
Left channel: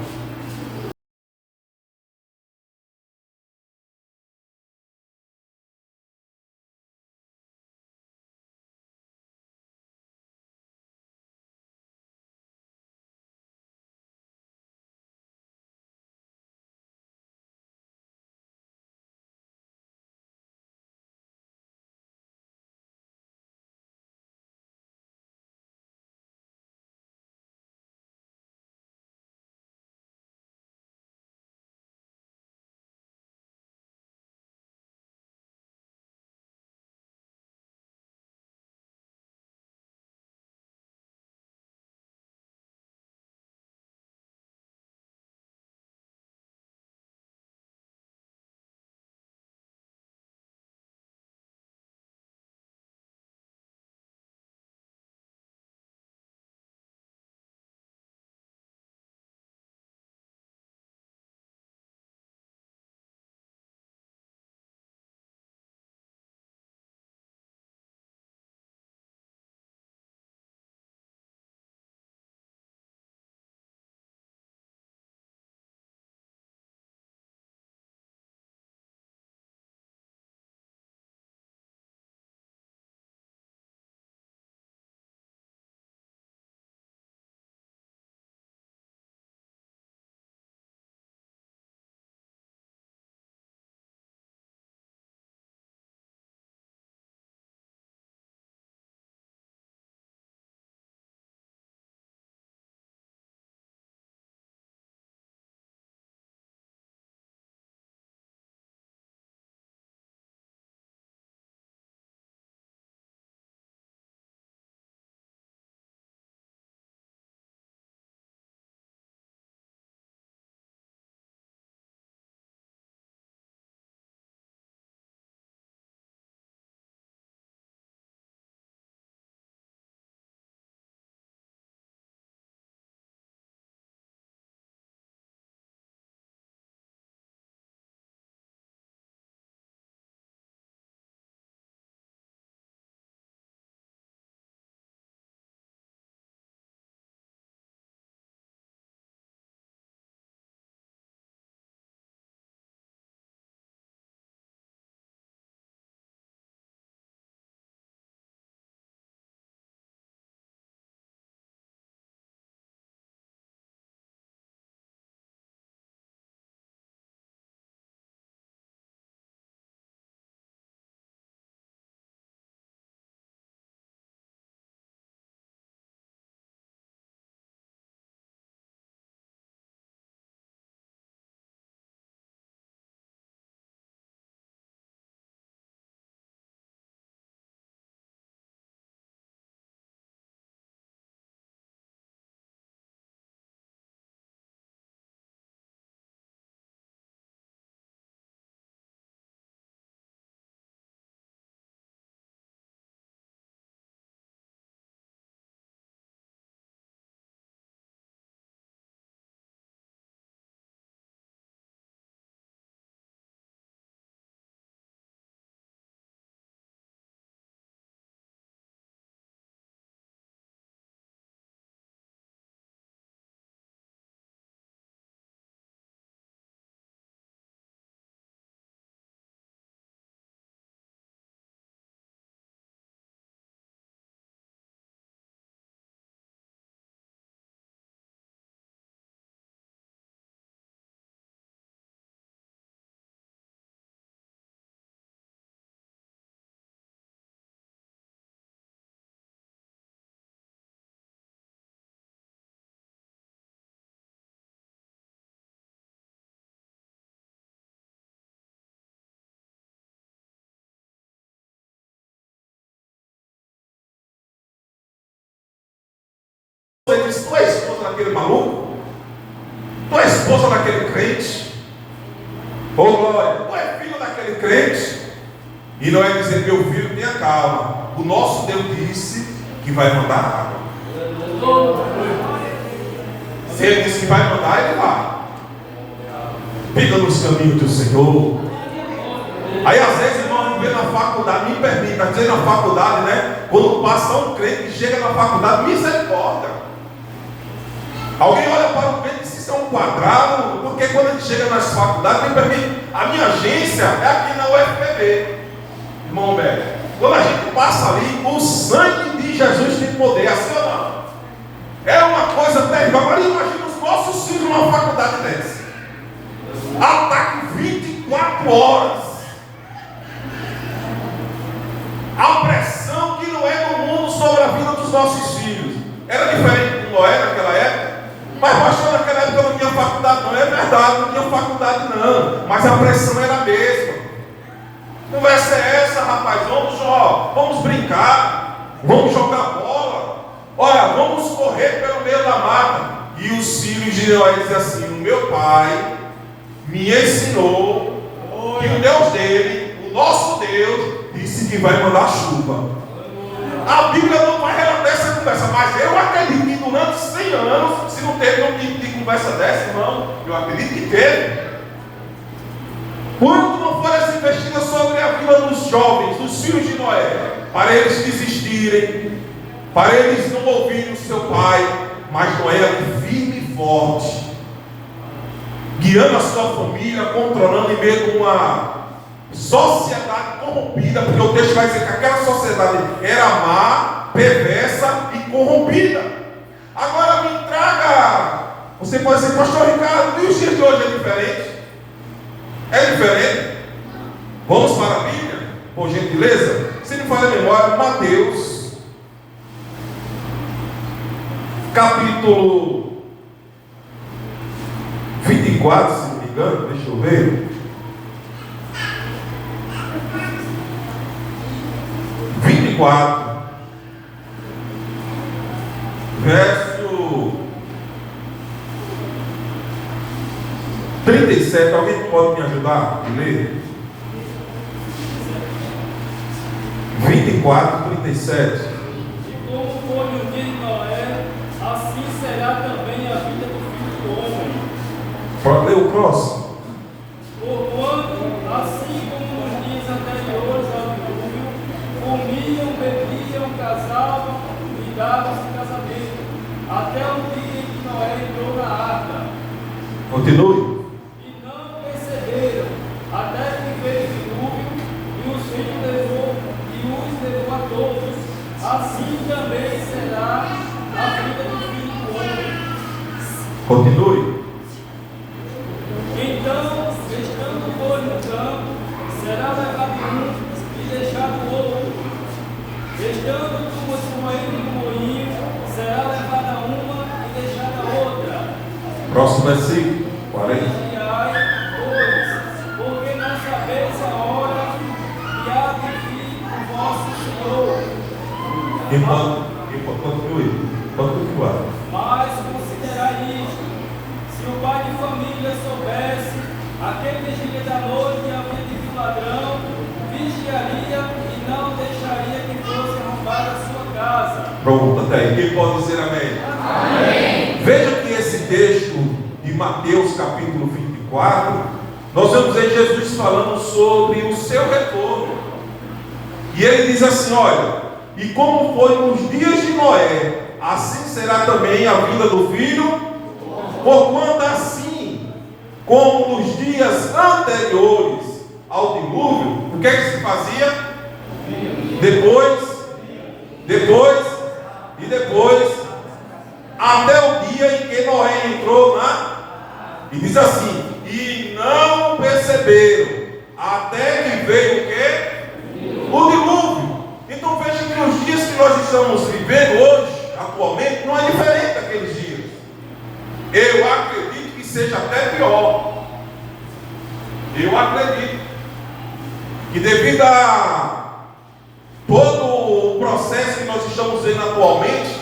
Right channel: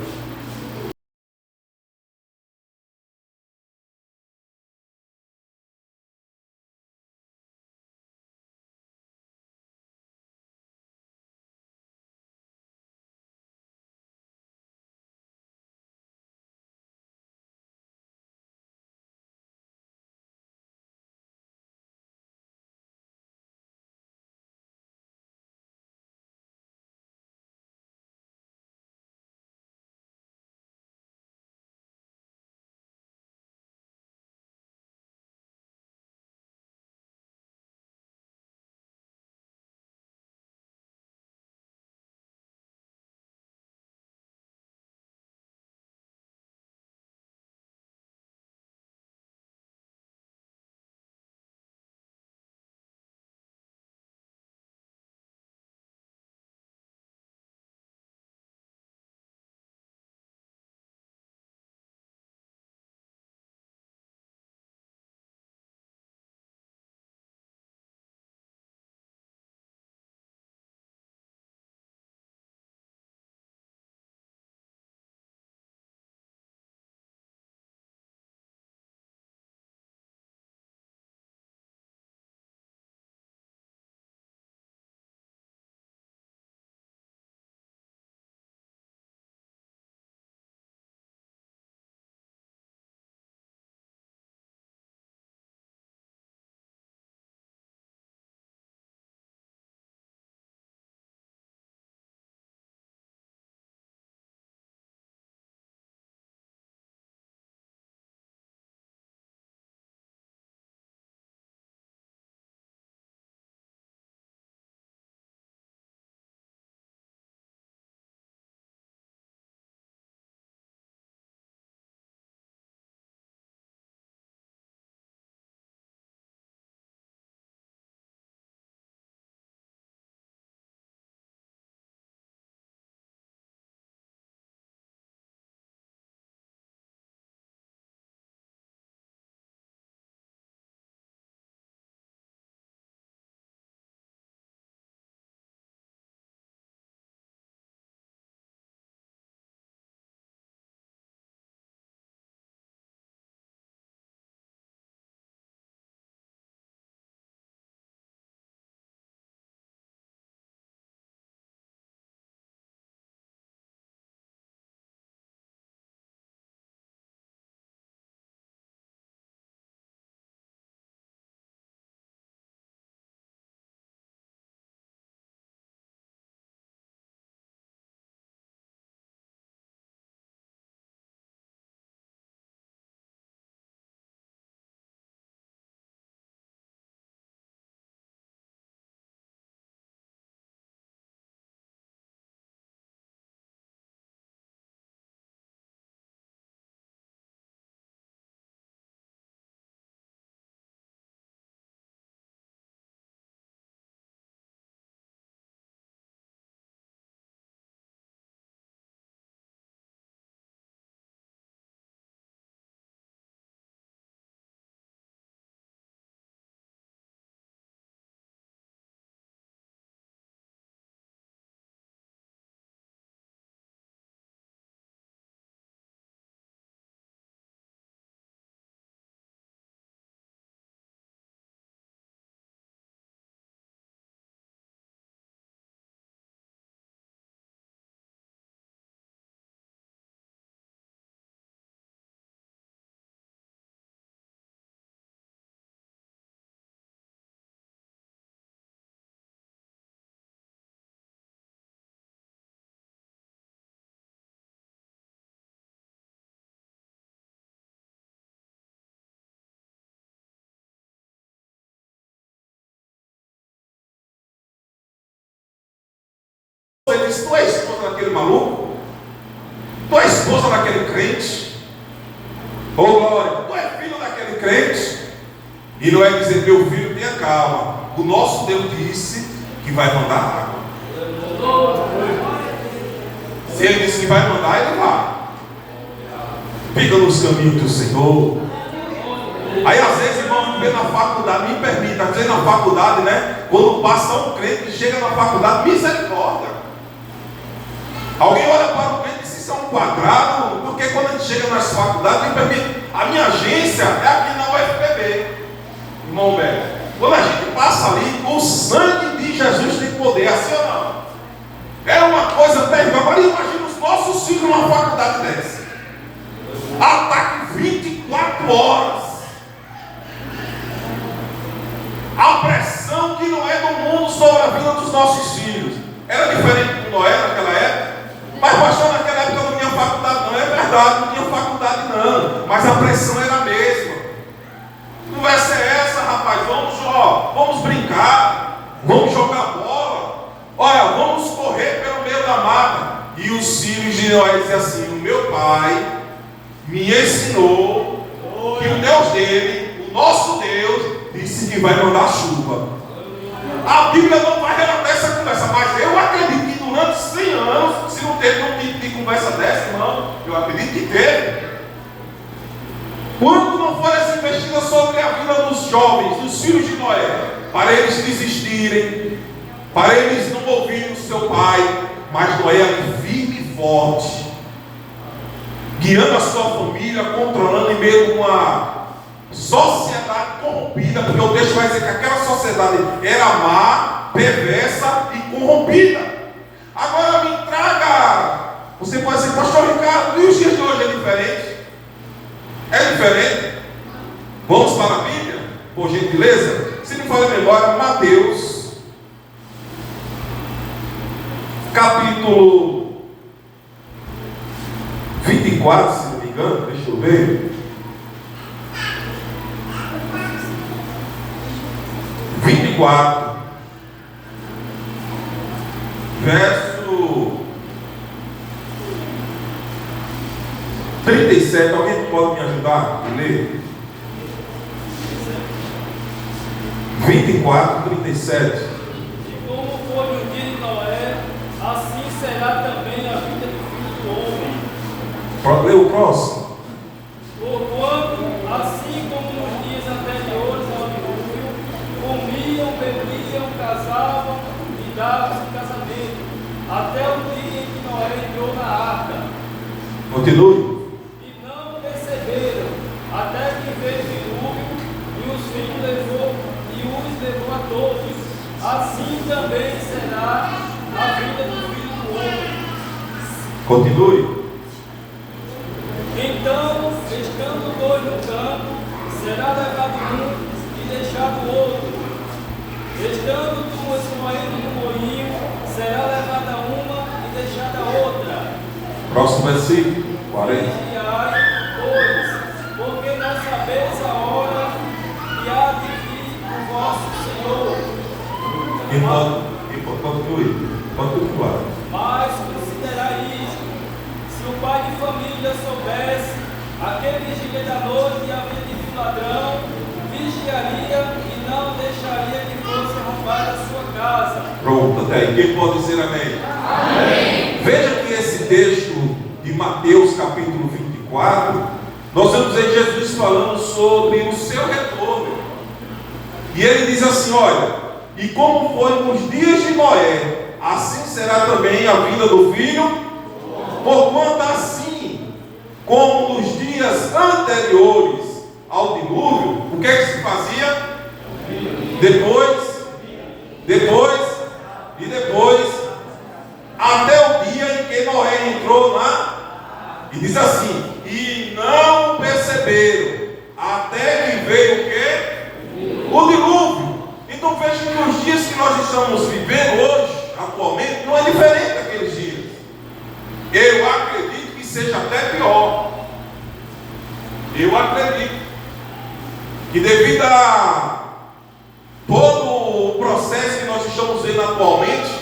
Ele disse: tu é esposa daquele maluco? Tu é esposa daquele crente? Ô glória, tu é filho daquele crente? E não é dizer: meu filho, tenha calma, o nosso Deus disse que vai mandar água. Se ele disse que vai mandar, ele vai. Fica nos caminhos do Senhor. Aí às vezes, irmão, vê na faculdade, me permita dizer, na faculdade, né? Quando passa um crente que chega na faculdade, misericórdia. Alguém olha para o crente e diz: isso é um quadrado. Porque quando a gente chega nas faculdades, me permite, a minha agência é aqui na UFPB, irmão velho. Quando a gente passa ali, o sangue de Jesus tem poder, assim ou não? É uma coisa terrível. Agora imagina os nossos filhos numa faculdade dessa. Ataque 24 horas. A pressão que não é do mundo sobre a vida dos nossos filhos. Era diferente de Noé naquela época. Mas pastor, naquela época não tinha faculdade, não é verdade, não tinha faculdade não. Mas a pressão era a mesma. Conversa é essa, rapaz? Vamos brincar, vamos jogar bola. Olha, vamos correr pelo meio da mata. E os filhos de Noé dizem assim: o meu pai me ensinou que o Deus dele, o nosso Deus, disse que vai mandar chuva. A Bíblia não vai relatar essa conversa, mas eu acredito que durante 100 anos, se não teve um tipo de conversa dessa, irmão, eu acredito que teve. Quanto não foi essa investida sobre a vida dos jovens, dos filhos de Noé, para eles desistirem, para eles não ouvirem o seu pai, mas Noé era firme e forte, guiando a sua família, controlando em meio de uma sociedade corrompida, porque o texto vai dizer que aquela sociedade era má, perversa e corrompida. Agora me traga, você pode dizer: pastor Ricardo, e os dias de hoje é diferente? É diferente? Vamos para a Bíblia, por gentileza? Se me fala melhor, Mateus, capítulo 24, se não me engano, deixa eu ver. 24, verso 37. Alguém pode me ajudar a ler? 24, 37. E como foi no dia de Noé, assim será também a vida do Filho do Homem. Pode ler o próximo. Porquanto, assim como nos dias anteriores ao dilúvio, comiam, bebiam, casavam e davam-se casamento, até o dia em que Noé entrou na arca. Continue. E não perceberam, até que veio o dilúvio e os levou a todos. Assim também será a vida do Filho do Homem. Continue. Então, estando dois no campo, será levado um e deixado o outro. Estando duas moendo no moinho, será levada uma e deixada outra. Próximo versículo, 40. Vigiai, pois, porque não sabeis a hora que há de vir o vosso Senhor. Irmão, continue. Continue. Mas considerai isto: se o pai de família soubesse aquele dia da noite havia de vir ladrão, vigiaria e não deixaria que fosse roubada a sua casa. Pronto, até aí. Quem pode dizer amém? Amém. Veja que esse texto de Mateus capítulo 24, nós vamos ver Jesus falando sobre o seu retorno. E ele diz assim: olha, e como foi nos dias de Noé, assim será também a vida do Filho, porquanto assim como nos dias anteriores ao dilúvio, o que é que se fazia? Depois, até o dia em que Noé entrou e diz assim: e não perceberam, até que veio o quê? O dilúvio. Então veja que os dias que nós estamos vivendo hoje, atualmente, não é diferente daqueles dias. Eu acredito que seja até pior. Eu acredito que devido a todo o processo que nós estamos vendo atualmente,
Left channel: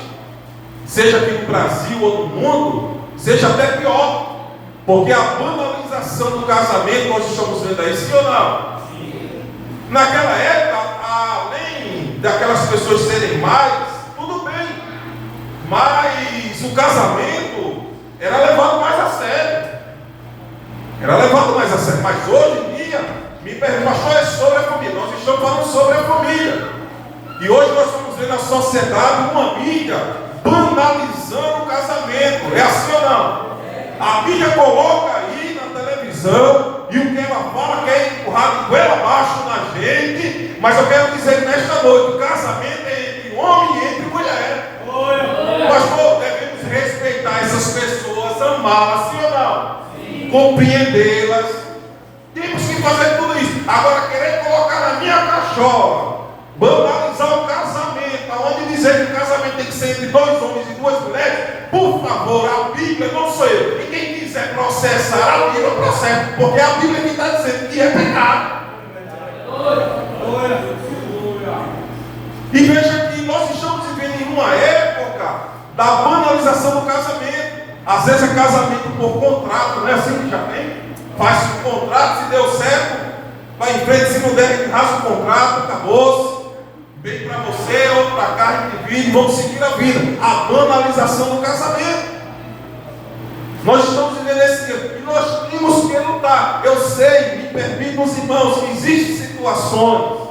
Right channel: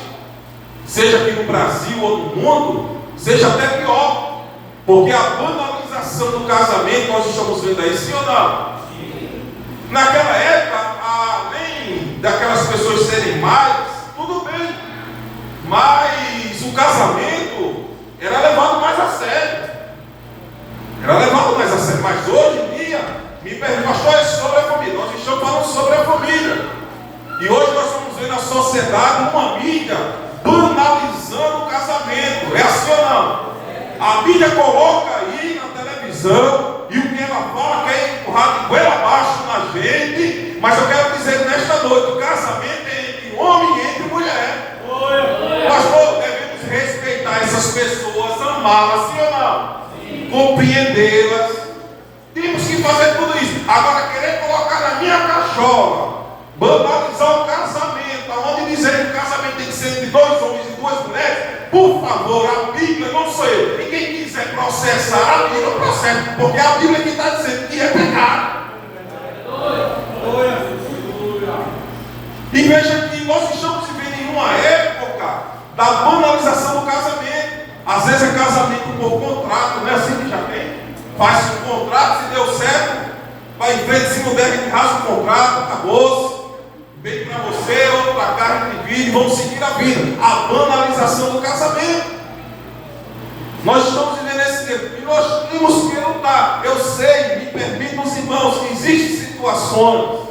seja aqui no Brasil ou no mundo, seja até pior. Porque a banalização do casamento, nós estamos vendo aí, sim ou não? Sim. Naquela época, além daquelas pessoas serem mais, tudo bem. Mas o casamento era levado mais a sério. Mas hoje em dia, me perguntam, pastor, é sobre a família. Nós estamos falando sobre a família. E hoje nós estamos vendo a sociedade, uma mídia, banalizando o casamento. É assim ou não? A mídia coloca aí na televisão e o que ela fala quer empurrar de goela abaixo na gente. Mas eu quero dizer nesta noite: o casamento é entre homem e entre mulher. Pastor, devemos respeitar essas pessoas, amá-las, sim ou não? Sim. Compreendê-las. Temos que fazer tudo isso. Agora, querer colocar na minha cachola, banalizar o casamento, aonde dizer que o casamento tem que ser entre dois homens e duas mulheres, por favor, a Bíblia, não sou eu. E quem quiser processar a Bíblia, processa, porque a Bíblia me está dizendo que é pecado. E veja que nós estamos vivendo em uma época da banalização do casamento. Às vezes é casamento por contrato, não é assim que já tem? Faz um contrato, se deu certo, vai em frente, se puder, rasga o contrato, acabou-se. Bem para você, outro para cá, divide, vamos seguir a vida. A banalização do casamento. Nós estamos vivendo esse tempo e nós temos que lutar. Eu sei, me permitam os irmãos, que existem situações,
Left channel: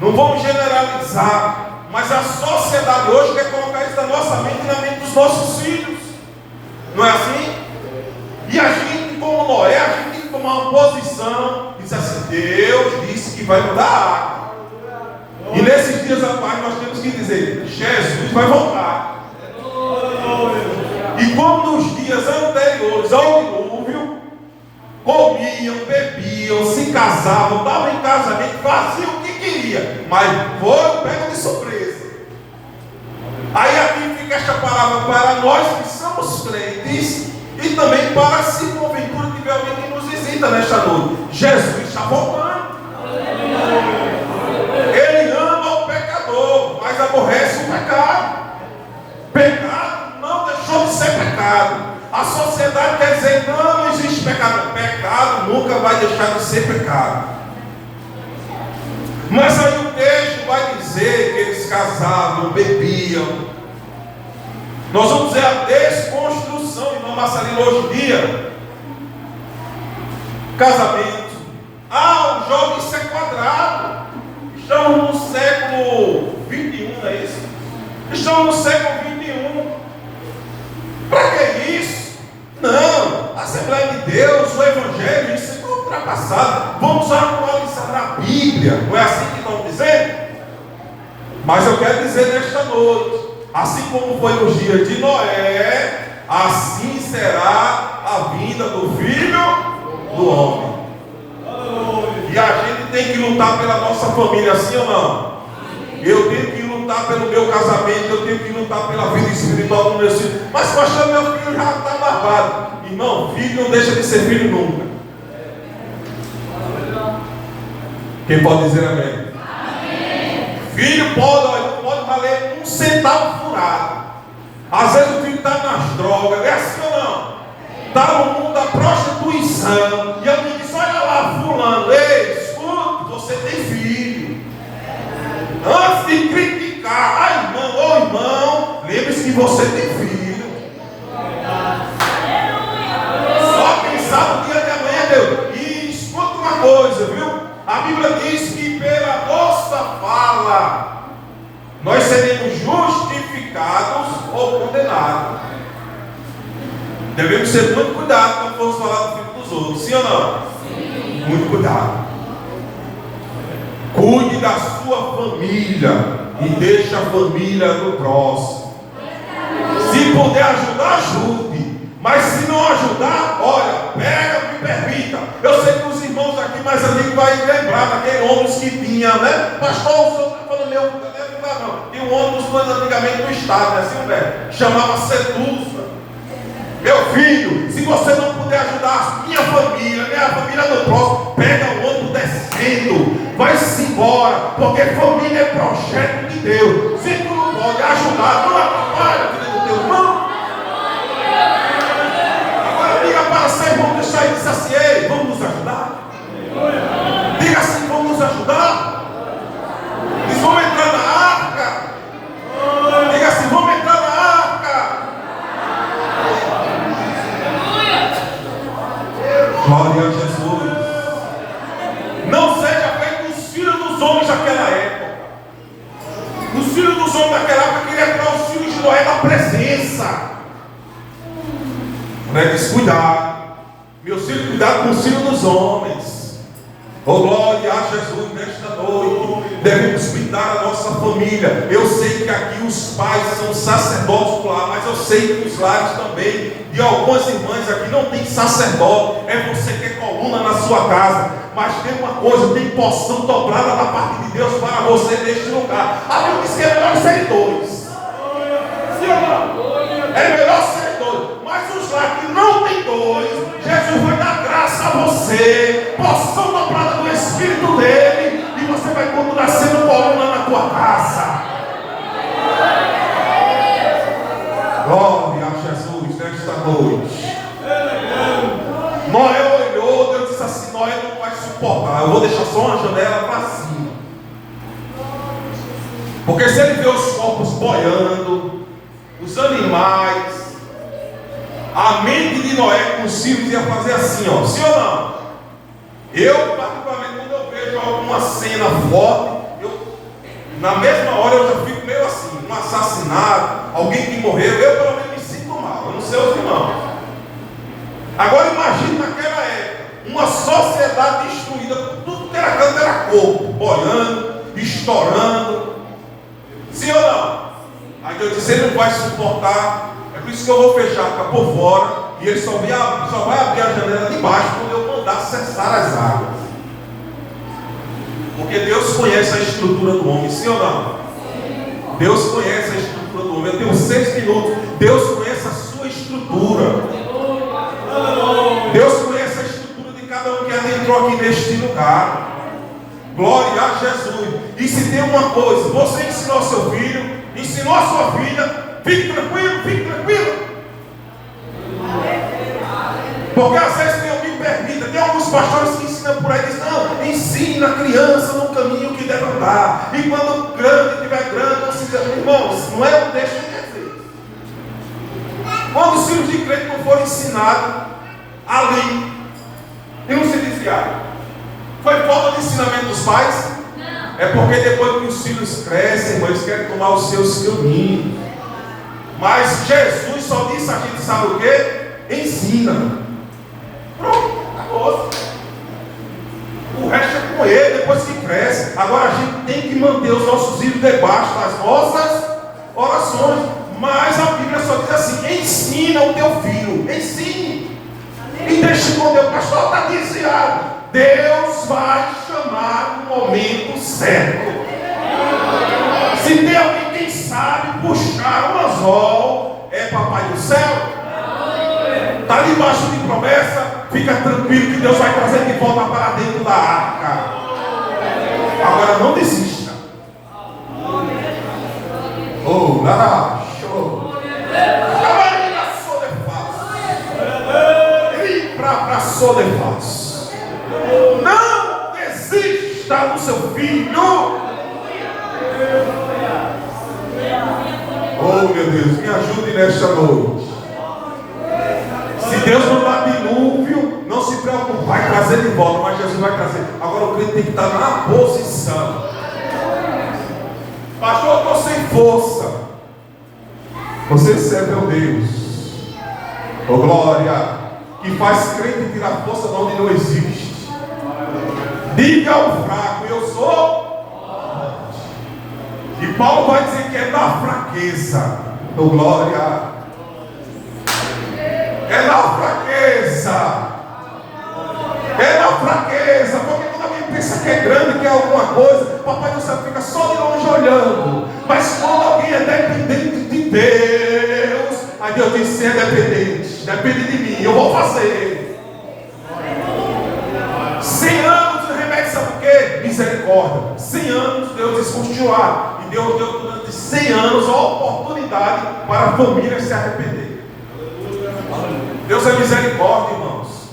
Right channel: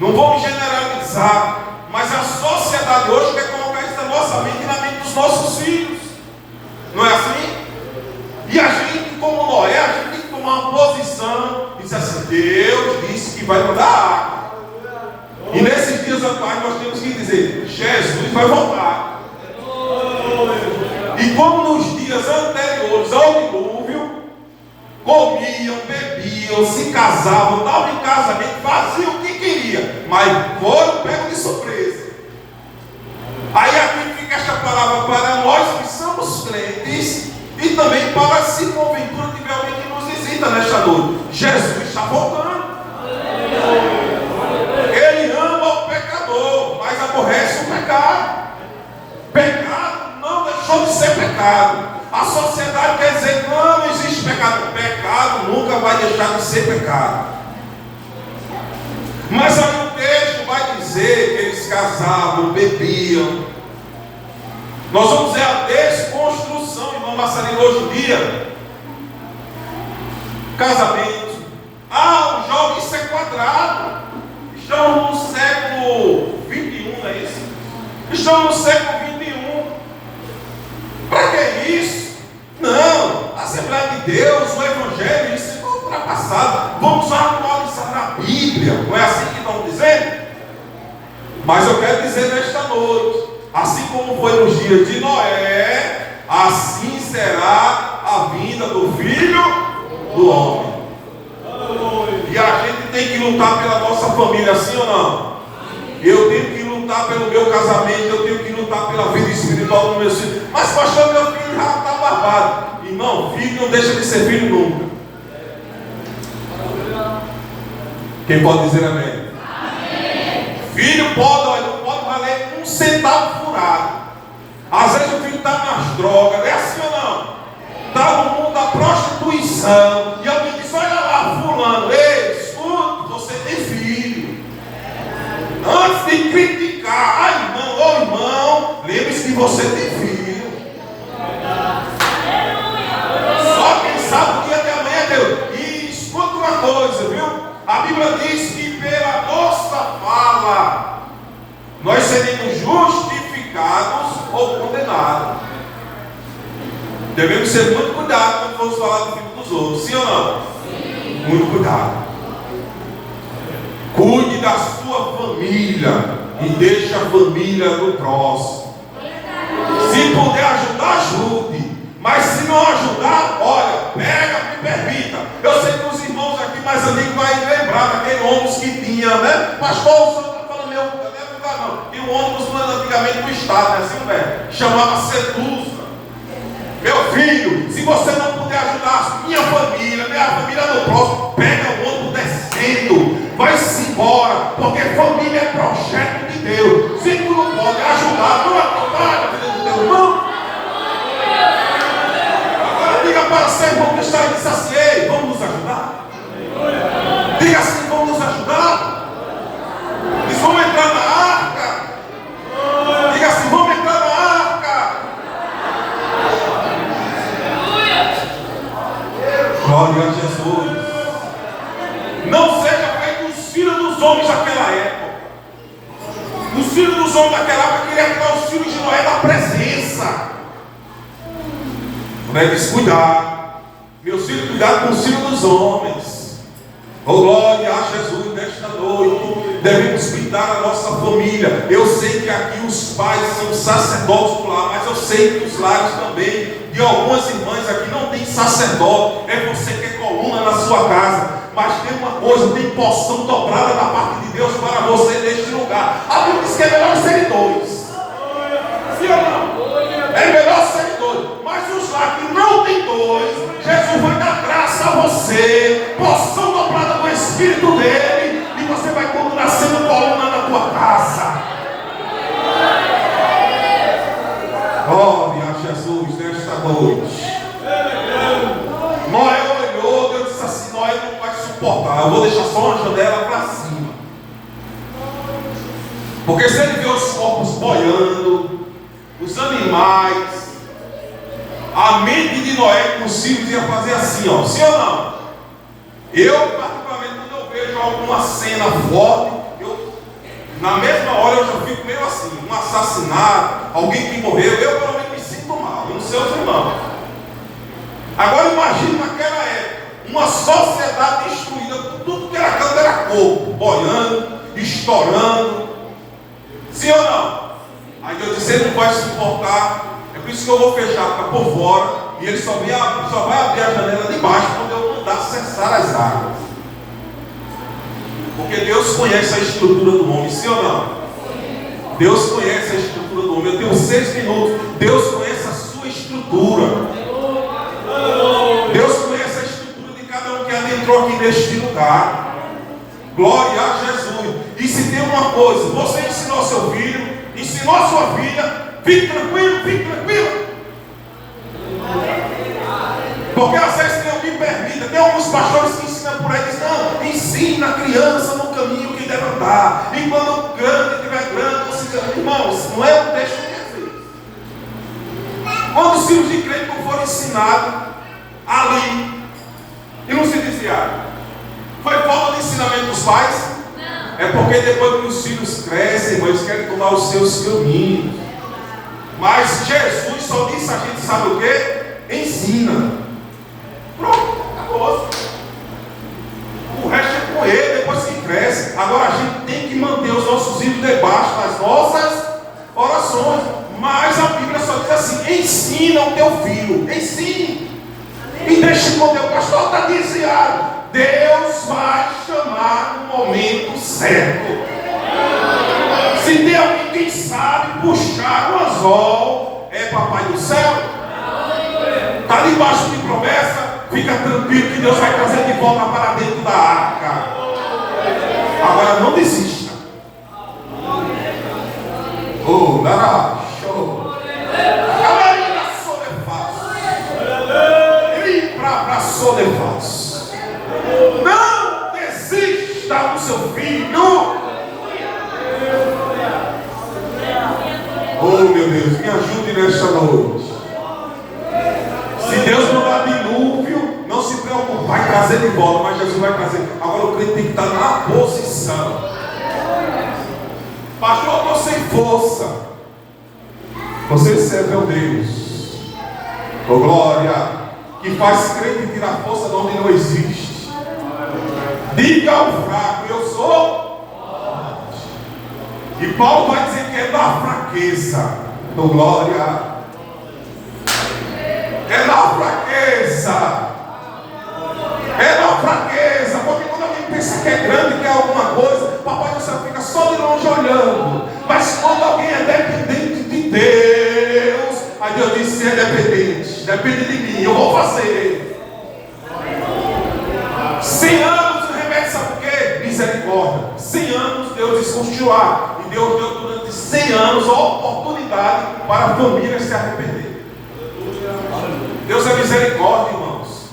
não vamos generalizar, mas a sociedade hoje quer colocar isso na nossa mente e na mente dos nossos filhos. Não é assim? E a gente, como Noé, a gente tem que tomar uma posição e dizer assim: Deus disse que vai mudar a água. E nesses dias atuais nós temos que dizer: Jesus vai voltar. E como nos dias anteriores ao dilúvio, comiam, bebiam, se casavam, davam em casamento, faziam o que queria, mas foram pegos de surpresa. Aí aqui fica esta palavra para nós que somos crentes e também para, se porventura tiver alguém que nos visita nesta noite: Jesus está voltando. Ele ama o pecador, mas aborrece o pecado. Pecado não deixou de ser pecado. A sociedade quer dizer que não existe pecado. Pecado nunca vai deixar de ser pecado. Mas aí o texto vai dizer que eles casavam, bebiam. Nós vamos ver a desconstrução, irmão Marcelino, hoje em dia. Casamento. O jogo isso é quadrado. Estamos no século 21, não é isso? Estamos no século 21. Para que isso? Não. A Assembleia de Deus, o Evangelho, isso é ultrapassado. Vamos atualizar a Bíblia. Não é assim que estão dizendo? Mas eu quero dizer nesta noite: assim como foi nos dias de Noé, assim será a vinda do Filho do Homem. E a gente tem que lutar pela nossa família, sim ou não? Eu tenho que lutar pelo meu casamento, eu tenho que lutar pela vida espiritual do meu filho. Mas pastor, meu filho já está barbado. Irmão, filho não deixa de ser filho nunca. Quem pode dizer amém? Amém. Filho não pode valer um centavo furado. Às vezes o filho está nas drogas, é assim ou não? Está no mundo da prostituição. E alguém diz: olha lá, fulano, ei, escuta, você tem filho. Antes de criticar, irmão, lembre-se que você tem filho. Só quem sabe o dia de amanhã é Deus. E escuta uma coisa, viu? A Bíblia diz que pela nossa fala nós seremos justificados ou condenados. Devemos ter muito cuidado quando formos falar do filho dos outros, sim ou não? Sim. Muito cuidado. Cuide da sua família e deixe a família do próximo. Se puder ajudar, ajude. Mas se não ajudar, olha, pega, me permita. Eu sei que os irmãos aqui mais antigos vão lembrar daquele ônibus que tinha, né? Pastor, o senhor está falando meu, não é lugar não. Tinha um ônibus, mas antigamente do estado, né? Assim, velho, chamava Sedusa. Meu filho, se você não puder ajudar minha família do próximo, pega o ônibus descendo, vai-se embora, porque família é projeto de Deus. Se tu não pode ajudar, não atrapalha, filho de presença. Não é descuidar. Meus filhos, cuidado com os filhos dos homens. Oh, glória a Jesus nesta noite. Devemos cuidar da nossa família. Eu sei que aqui os pais são sacerdotes por lá, mas eu sei que os lares também, de algumas irmãs aqui, não tem sacerdote. É você que é coluna na sua casa. Mas tem uma coisa, tem porção dobrada da parte de Deus para você neste lugar. A Bíblia diz que é melhor ser dois. Sim ou não? É melhor ser dois. Mas os lares que não tem dois, Jesus vai dar graça a você, porção dobrada do Espírito dele, e você vai continuar sendo coluna na tua casa. Glória a Jesus nesta noite. Noé olhou, Deus disse assim: Noé não vai suportar, eu vou deixar só uma janela para cima. Porque se ele vê os corpos boiando, os animais, a mente de Noé com os filhos ia fazer assim, ó, sim ou não? Eu, particularmente, quando eu vejo alguma cena forte, na mesma hora eu já fico meio assim, um assassinato, alguém que morreu, eu pelo menos me sinto mal, eu não sei os irmãos. Agora imagine naquela época, uma sociedade destruída, tudo que era canto era corpo, boiando, estourando, sim ou não? Aí Deus disse: ele não vai suportar. É por isso que eu vou fechar por fora, e ele só vai abrir a janela de baixo quando eu mandar cessar as águas. Porque Deus conhece a estrutura do homem, sim ou não? Deus conhece a estrutura do homem. Eu tenho 6 minutos. Deus conhece a sua estrutura. Deus conhece a estrutura de cada um que adentrou aqui neste lugar. Glória a Jesus. E se tem uma coisa, você ensinou seu filho, ensinou a sua filha, fique tranquilo, fique tranquilo. Porque às vezes Deus me permita, tem alguns pastores que ensinam por aí, dizem: não, ensina a criança no caminho que deve andar. E quando grande, estiver grande, você diz: irmãos, não é um deixa de Deus. Quando os filhos de crente não foram ensinados ali e não se desviaram, foi falta de ensinamento dos pais? Não. É porque depois que os filhos crescem, eles querem tomar os seus caminhos. Mas Jesus só disse a gente, sabe o que? Ensina. Pronto, acabou. O resto é com ele, depois que cresce. Agora a gente tem que manter os nossos filhos debaixo das nossas orações. Mas a Bíblia só diz assim: ensina o teu filho, ensine. E deixa com Deus. O pastor está dizendo: Deus vai chamar no momento certo. Se tem alguém que sabe puxar o anzol, é Papai do céu. Está debaixo de promessa, fica tranquilo que Deus vai trazer de volta para dentro da arca. Agora não desista. Oh, lá, show. Para Sodefaz. Não desista do seu filho. Oh, meu Deus, me ajude nesta noite. Se Deus não dá dilúvio, não se preocupe, vai trazer de volta, mas Jesus vai trazer. Agora o crente tem que estar na posição. Pastor, eu estou sem força. Você serve ao Deus, oh glória, que faz crente tirar força de onde não existe. Diga ao fraco: eu sou. E Paulo vai dizer que é da fraqueza, oh glória. É da fraqueza. É da fraqueza. Porque quando alguém pensa que é grande, que é alguma coisa, o Papai do céu fica só de longe olhando. Mas quando alguém é dependente de Deus, aí Deus diz: se é dependente, depende de mim, eu vou fazer. 100 anos o remédio, sabe por quê? Misericórdia. 100 anos Deus diz continuar. E Deus deu durante 100 anos a oportunidade para a família se arrepender. Deus é misericórdia, irmãos.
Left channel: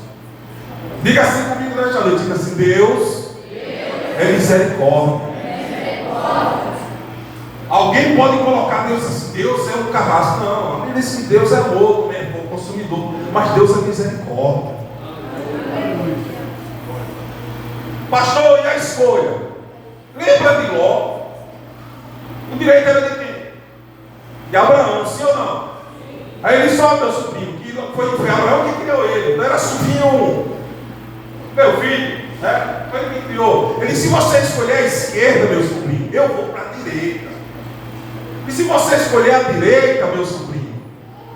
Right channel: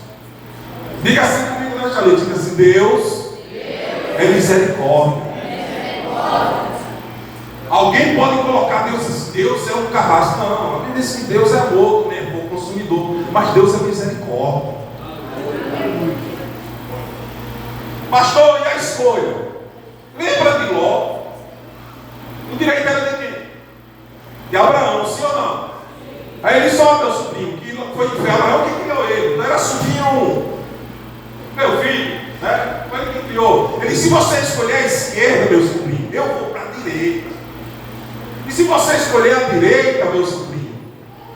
Diga assim comigo nesta noite. Diga assim: Deus é misericórdia. Alguém pode colocar Deus assim: Deus é um carrasco. Não, a Bíblia diz que Deus é louco, né? O consumidor. Mas Deus é misericórdia. Pastor, e a escolha? Lembra de Ló? O direito era de quem? de Abraão, sim ou não? Aí ele só, meu sobrinho, que foi Abraão que criou ele, não era sobrinho, meu filho, né? Foi ele que criou. Ele disse: se você escolher a esquerda, meu sobrinho, eu vou para a direita. E se você escolher a direita, meu sobrinho,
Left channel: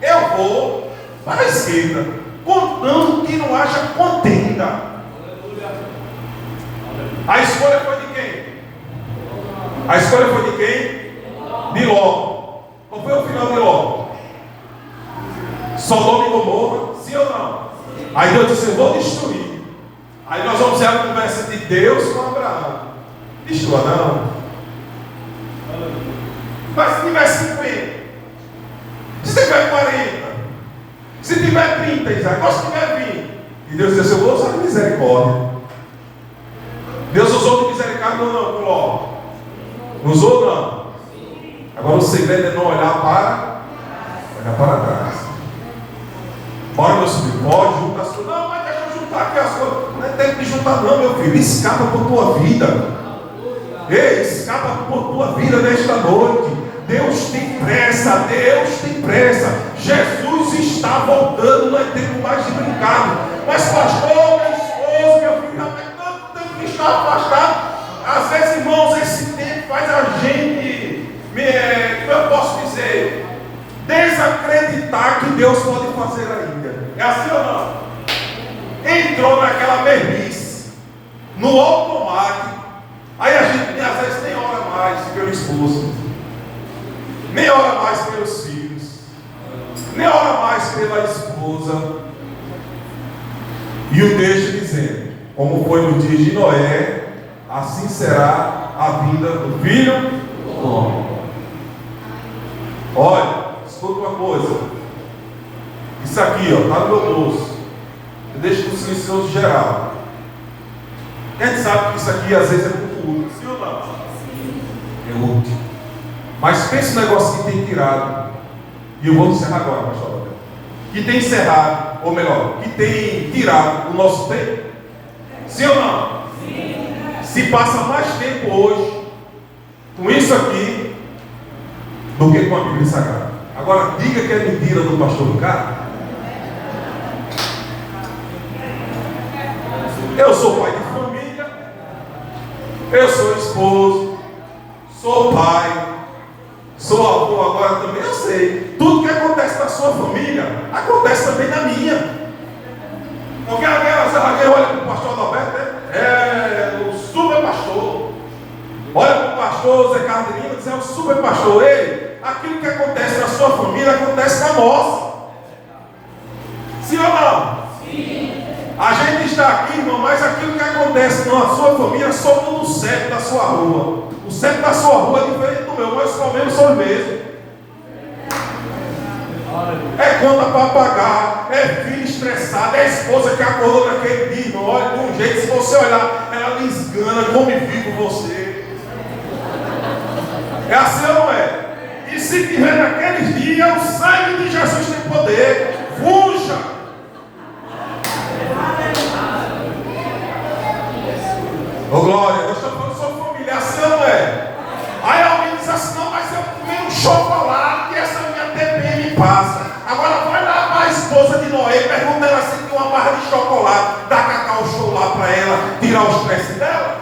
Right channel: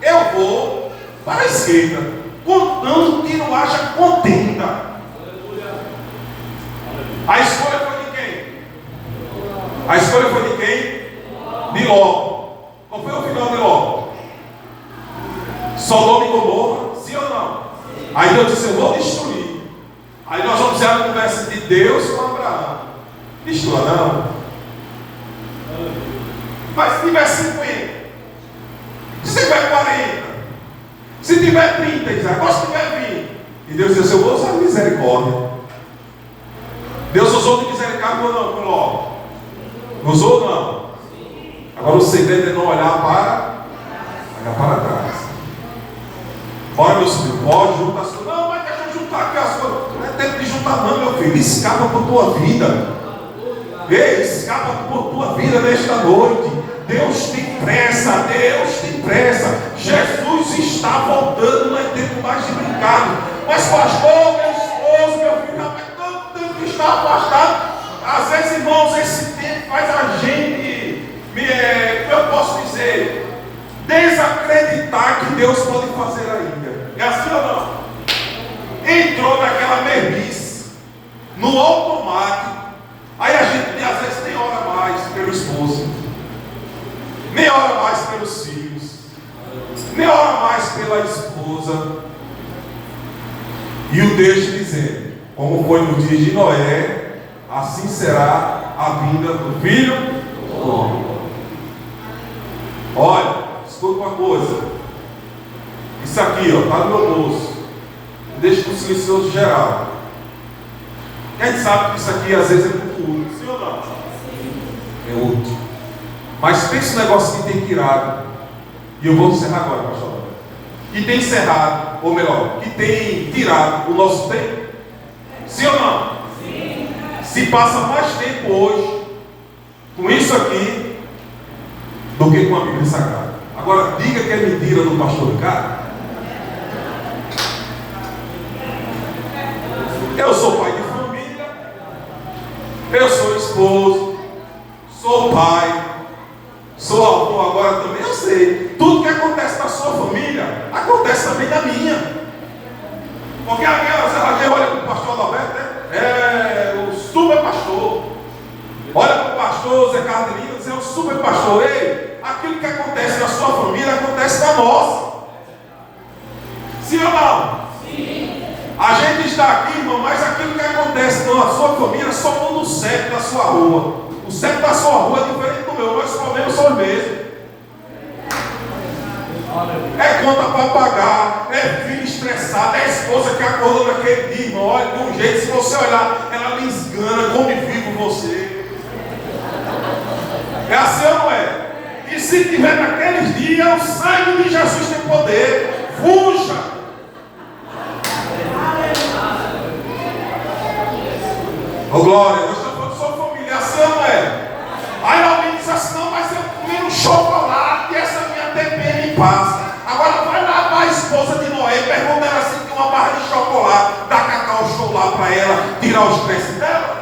eu vou para a esquerda, contanto que não haja contenda. A escolha foi de quem? A escolha foi de quem? De Ló. Qual foi o final de Ló? Sodoma e Gomorra, sim ou não? Aí Deus disse: eu vou destruir. Aí nós vamos ver a conversa de Deus com Abraão. Destrua não. Mas se tiver 50, se tiver 40, se tiver 30, Isaac, ou se tiver 20, e Deus disse: eu vou usar misericórdia. Deus usou de misericórdia ou não, com Ló? Usou ou não? Agora o segredo é não olhar para trás. Bora, meu filho, pode juntar as coisas. Não, mas deixa eu juntar aqui as coisas. Não é tempo de juntar, não, meu filho. Escapa por tua vida. Ei, escapa por tua vida nesta noite. Deus tem pressa, Deus tem pressa. Jesus está voltando, não é tempo mais de brincar. Mas, pastor, minha esposa, meu filho, não, mas tanto tempo que está afastado. Às vezes, irmãos, esse tempo faz a gente, eu posso dizer, desacreditar que Deus pode fazer ainda. É assim ou não? Entrou naquela merdice, no automático. Aí a gente às vezes nem ora mais pelo esposo, nem ora mais pelos filhos, nem ora mais pela esposa, e o texto dizendo: como foi no dia de Noé, assim será a vinda do Filho do Homem. Olha, escuta uma coisa. Isso aqui, está no meu bolso. Eu deixo para o silencioso geral. A gente sabe que isso aqui às vezes é muito útil, sim ou não? É útil. Mas pensa no negócio que tem tirado. E eu vou encerrar agora, pastor. Que tem encerrado, ou melhor, que tem tirado o nosso tempo. Sim ou não? Sim. Se passa mais tempo hoje com isso aqui do que com a Bíblia Sagrada. Agora diga que é mentira do pastor Ricardo. Eu sou pai de família, eu sou esposo, sou pai, sou avô agora também. Eu sei, tudo que acontece na sua família acontece também na minha. Porque aquelas alguém olha para o pastor Alberto, é o super pastor, olha para o pastor Zé Cardelinho e diz: é o super pastor. Ei, aquilo que acontece na sua família acontece na nossa. Sim ou não? Sim. A gente está aqui, irmão, mas aquilo que acontece na sua família só no CEP da sua rua. O CEP da sua rua é diferente do meu. Meus problemas são os mesmos. É conta para pagar, é filho estressado, é esposa que acordou naquele dia, irmão. Olha, de um jeito, se você olhar, ela lhe esgana, come vivo você. É assim ou não é? E se tiver naqueles dias, o sangue de Jesus tem poder. Fuja! Ô glória, nós estamos falando sobre família, assim ou não é? Aí alguém diz assim: não, mas eu comi um chocolate e essa minha TPM passa. Agora vai lá para a esposa de Noé, pergunta ela se tem uma barra de chocolate, dá cacau show lá para ela, tirar o estresse dela.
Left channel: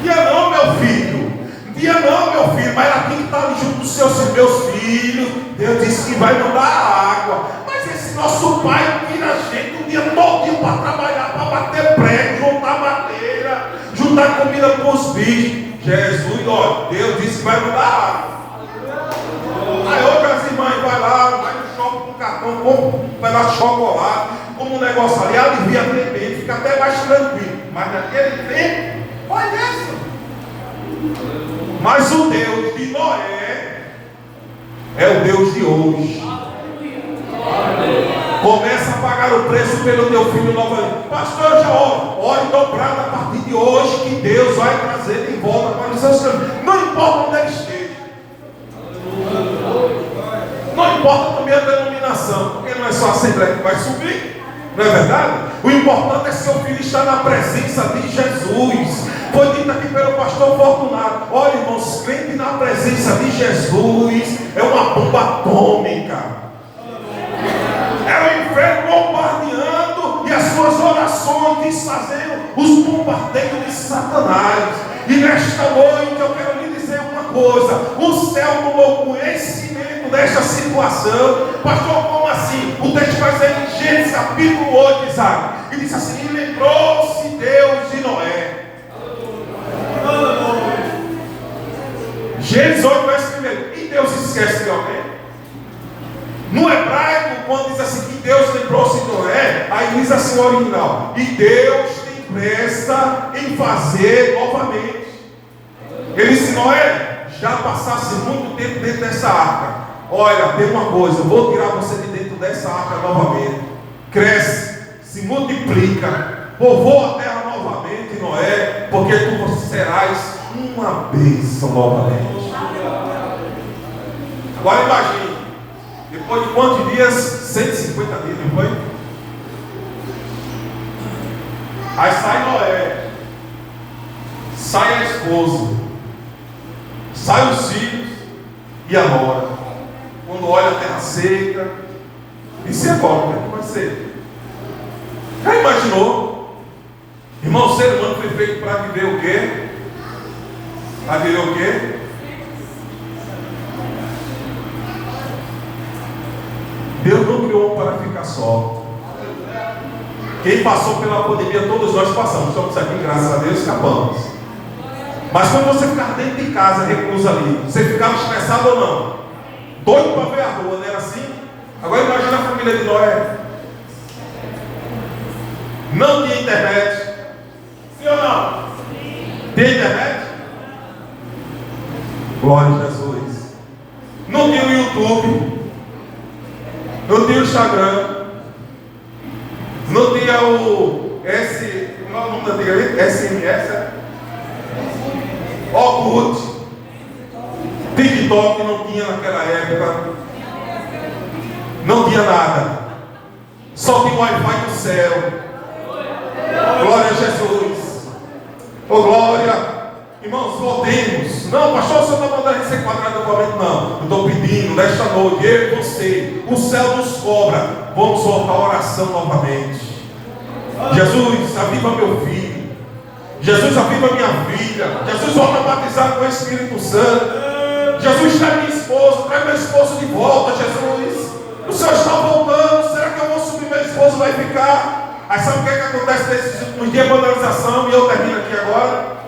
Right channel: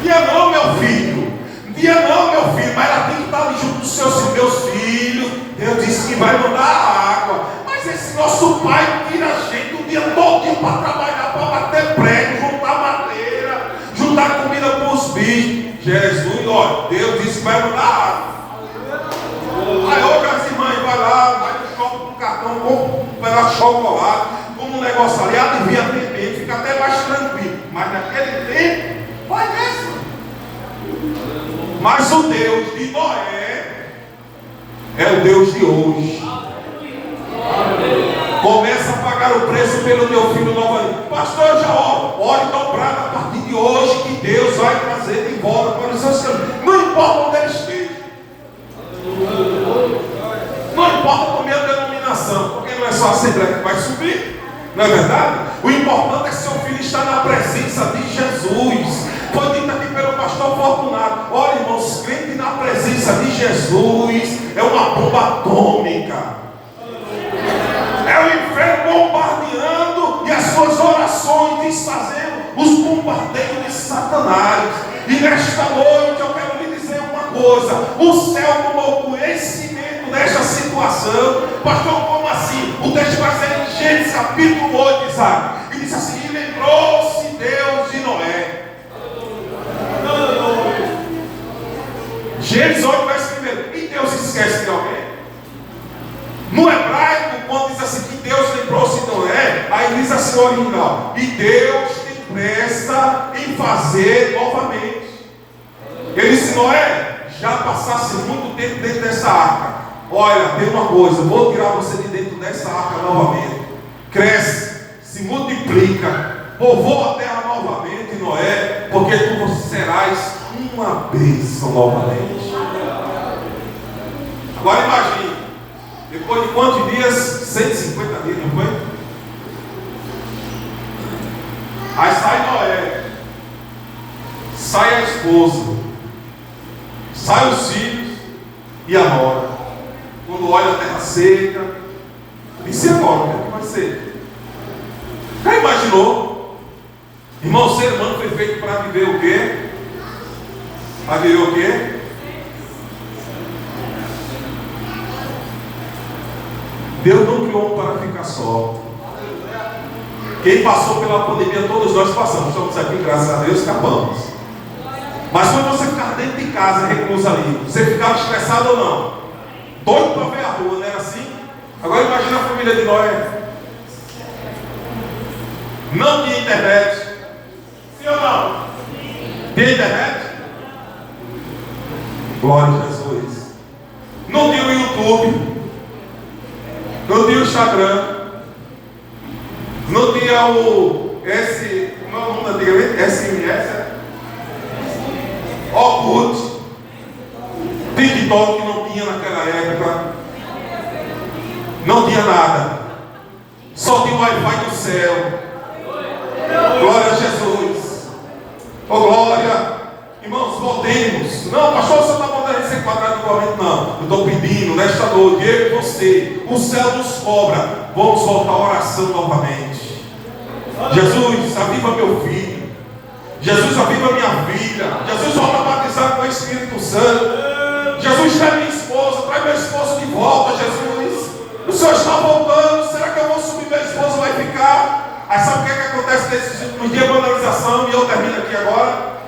Dia não, meu filho. Dia não, meu filho. Mas ela tem que estar ali junto dos seus meus filhos. Deus disse que vai mandar água. Mas esse nosso pai tira a gente o dia todo para trabalhar, para bater prego, juntar madeira, juntar comida para os bichos. Jesus, ó, Deus disse que vai mandar água. Aí hoje as irmãs vai lá, vai no shopping com cartão, pegar chocolate, como um negócio ali, alivia bem, fica até mais tranquilo. Mas naquele tempo, vai nessa. Mas o Deus de Noé é o Deus de hoje. Começa a pagar o preço pelo teu filho novamente. Pastor João, ore dobrado a partir de hoje que Deus vai trazer de volta para os seus caminhos. Não importa onde ele esteja. Não importa também a denominação, porque não é só a Assembleia que vai subir, não é verdade? O importante é que seu filho está na presença de Jesus. Foi dito aqui pelo pastor Fortunato: olha, irmãos, crente na presença de Jesus é uma bomba atômica. É o inferno bombardeando e as suas orações desfazendo os bombardeios de Satanás. E nesta noite eu quero lhe dizer uma coisa: o céu tomou conhecimento desta situação. Pastor, como assim? O texto vai dizer em Gênesis capítulo 8, Isaac, e diz assim: e lembrou-se Deus de Noé. Gênesis 8, verso 1. E Deus esquece de alguém? No hebraico, quando diz assim que Deus lembrou-se de Noé, aí diz assim o original: e Deus tem pressa em fazer novamente. Ele disse: Noé, já passasse muito tempo dentro dessa arca. Olha, tem uma coisa, vou tirar você de dentro dessa arca novamente. Cresce, se multiplica, povoa a terra novamente, Noé, porque tu serás uma bênção novamente. Agora imagine, depois de quantos dias? 150 dias, não foi? Aí sai Noé, sai a esposa, sai os filhos e a nora. Quando olha a terra seca, e se agora, o que vai ser? Já imaginou? Irmão, o ser humano foi feito para viver o quê? Para viver o quê? Deus não criou para ficar só. Quem passou pela pandemia, todos nós passamos. Estamos aqui, graças a Deus, acabamos. Mas quando você ficava dentro de casa, recluso ali, você ficava estressado ou não? Doido para ver a rua, não era assim? Agora imagina a família de Noé. Não tinha internet. Sim ou não? Tinha internet? Glória a Jesus. Não tinha o YouTube. Não tinha o Instagram. Não tinha o como é o nome da antigamente? SMS. Orkut. TikTok não tinha naquela época. Não tinha nada. Só tinha o Wi-Fi do céu. Glória a Jesus. Oh, glória. Irmãos, voltemos. Não, pastor, o senhor está mandando ser quadrado igualmente. Não, eu estou pedindo nesta noite, eu e você, o céu nos cobra. Vamos voltar à oração novamente. Jesus, aviva meu filho. Jesus, aviva minha filha. Jesus, volta a batizar com o Espírito Santo. Jesus, traz minha esposa, traz meu esposo de volta, Jesus. O Senhor está voltando. Será que eu vou subir, meu esposo vai ficar? Aí sabe o que acontece nesses últimos dias? Banalização, e eu termino aqui agora.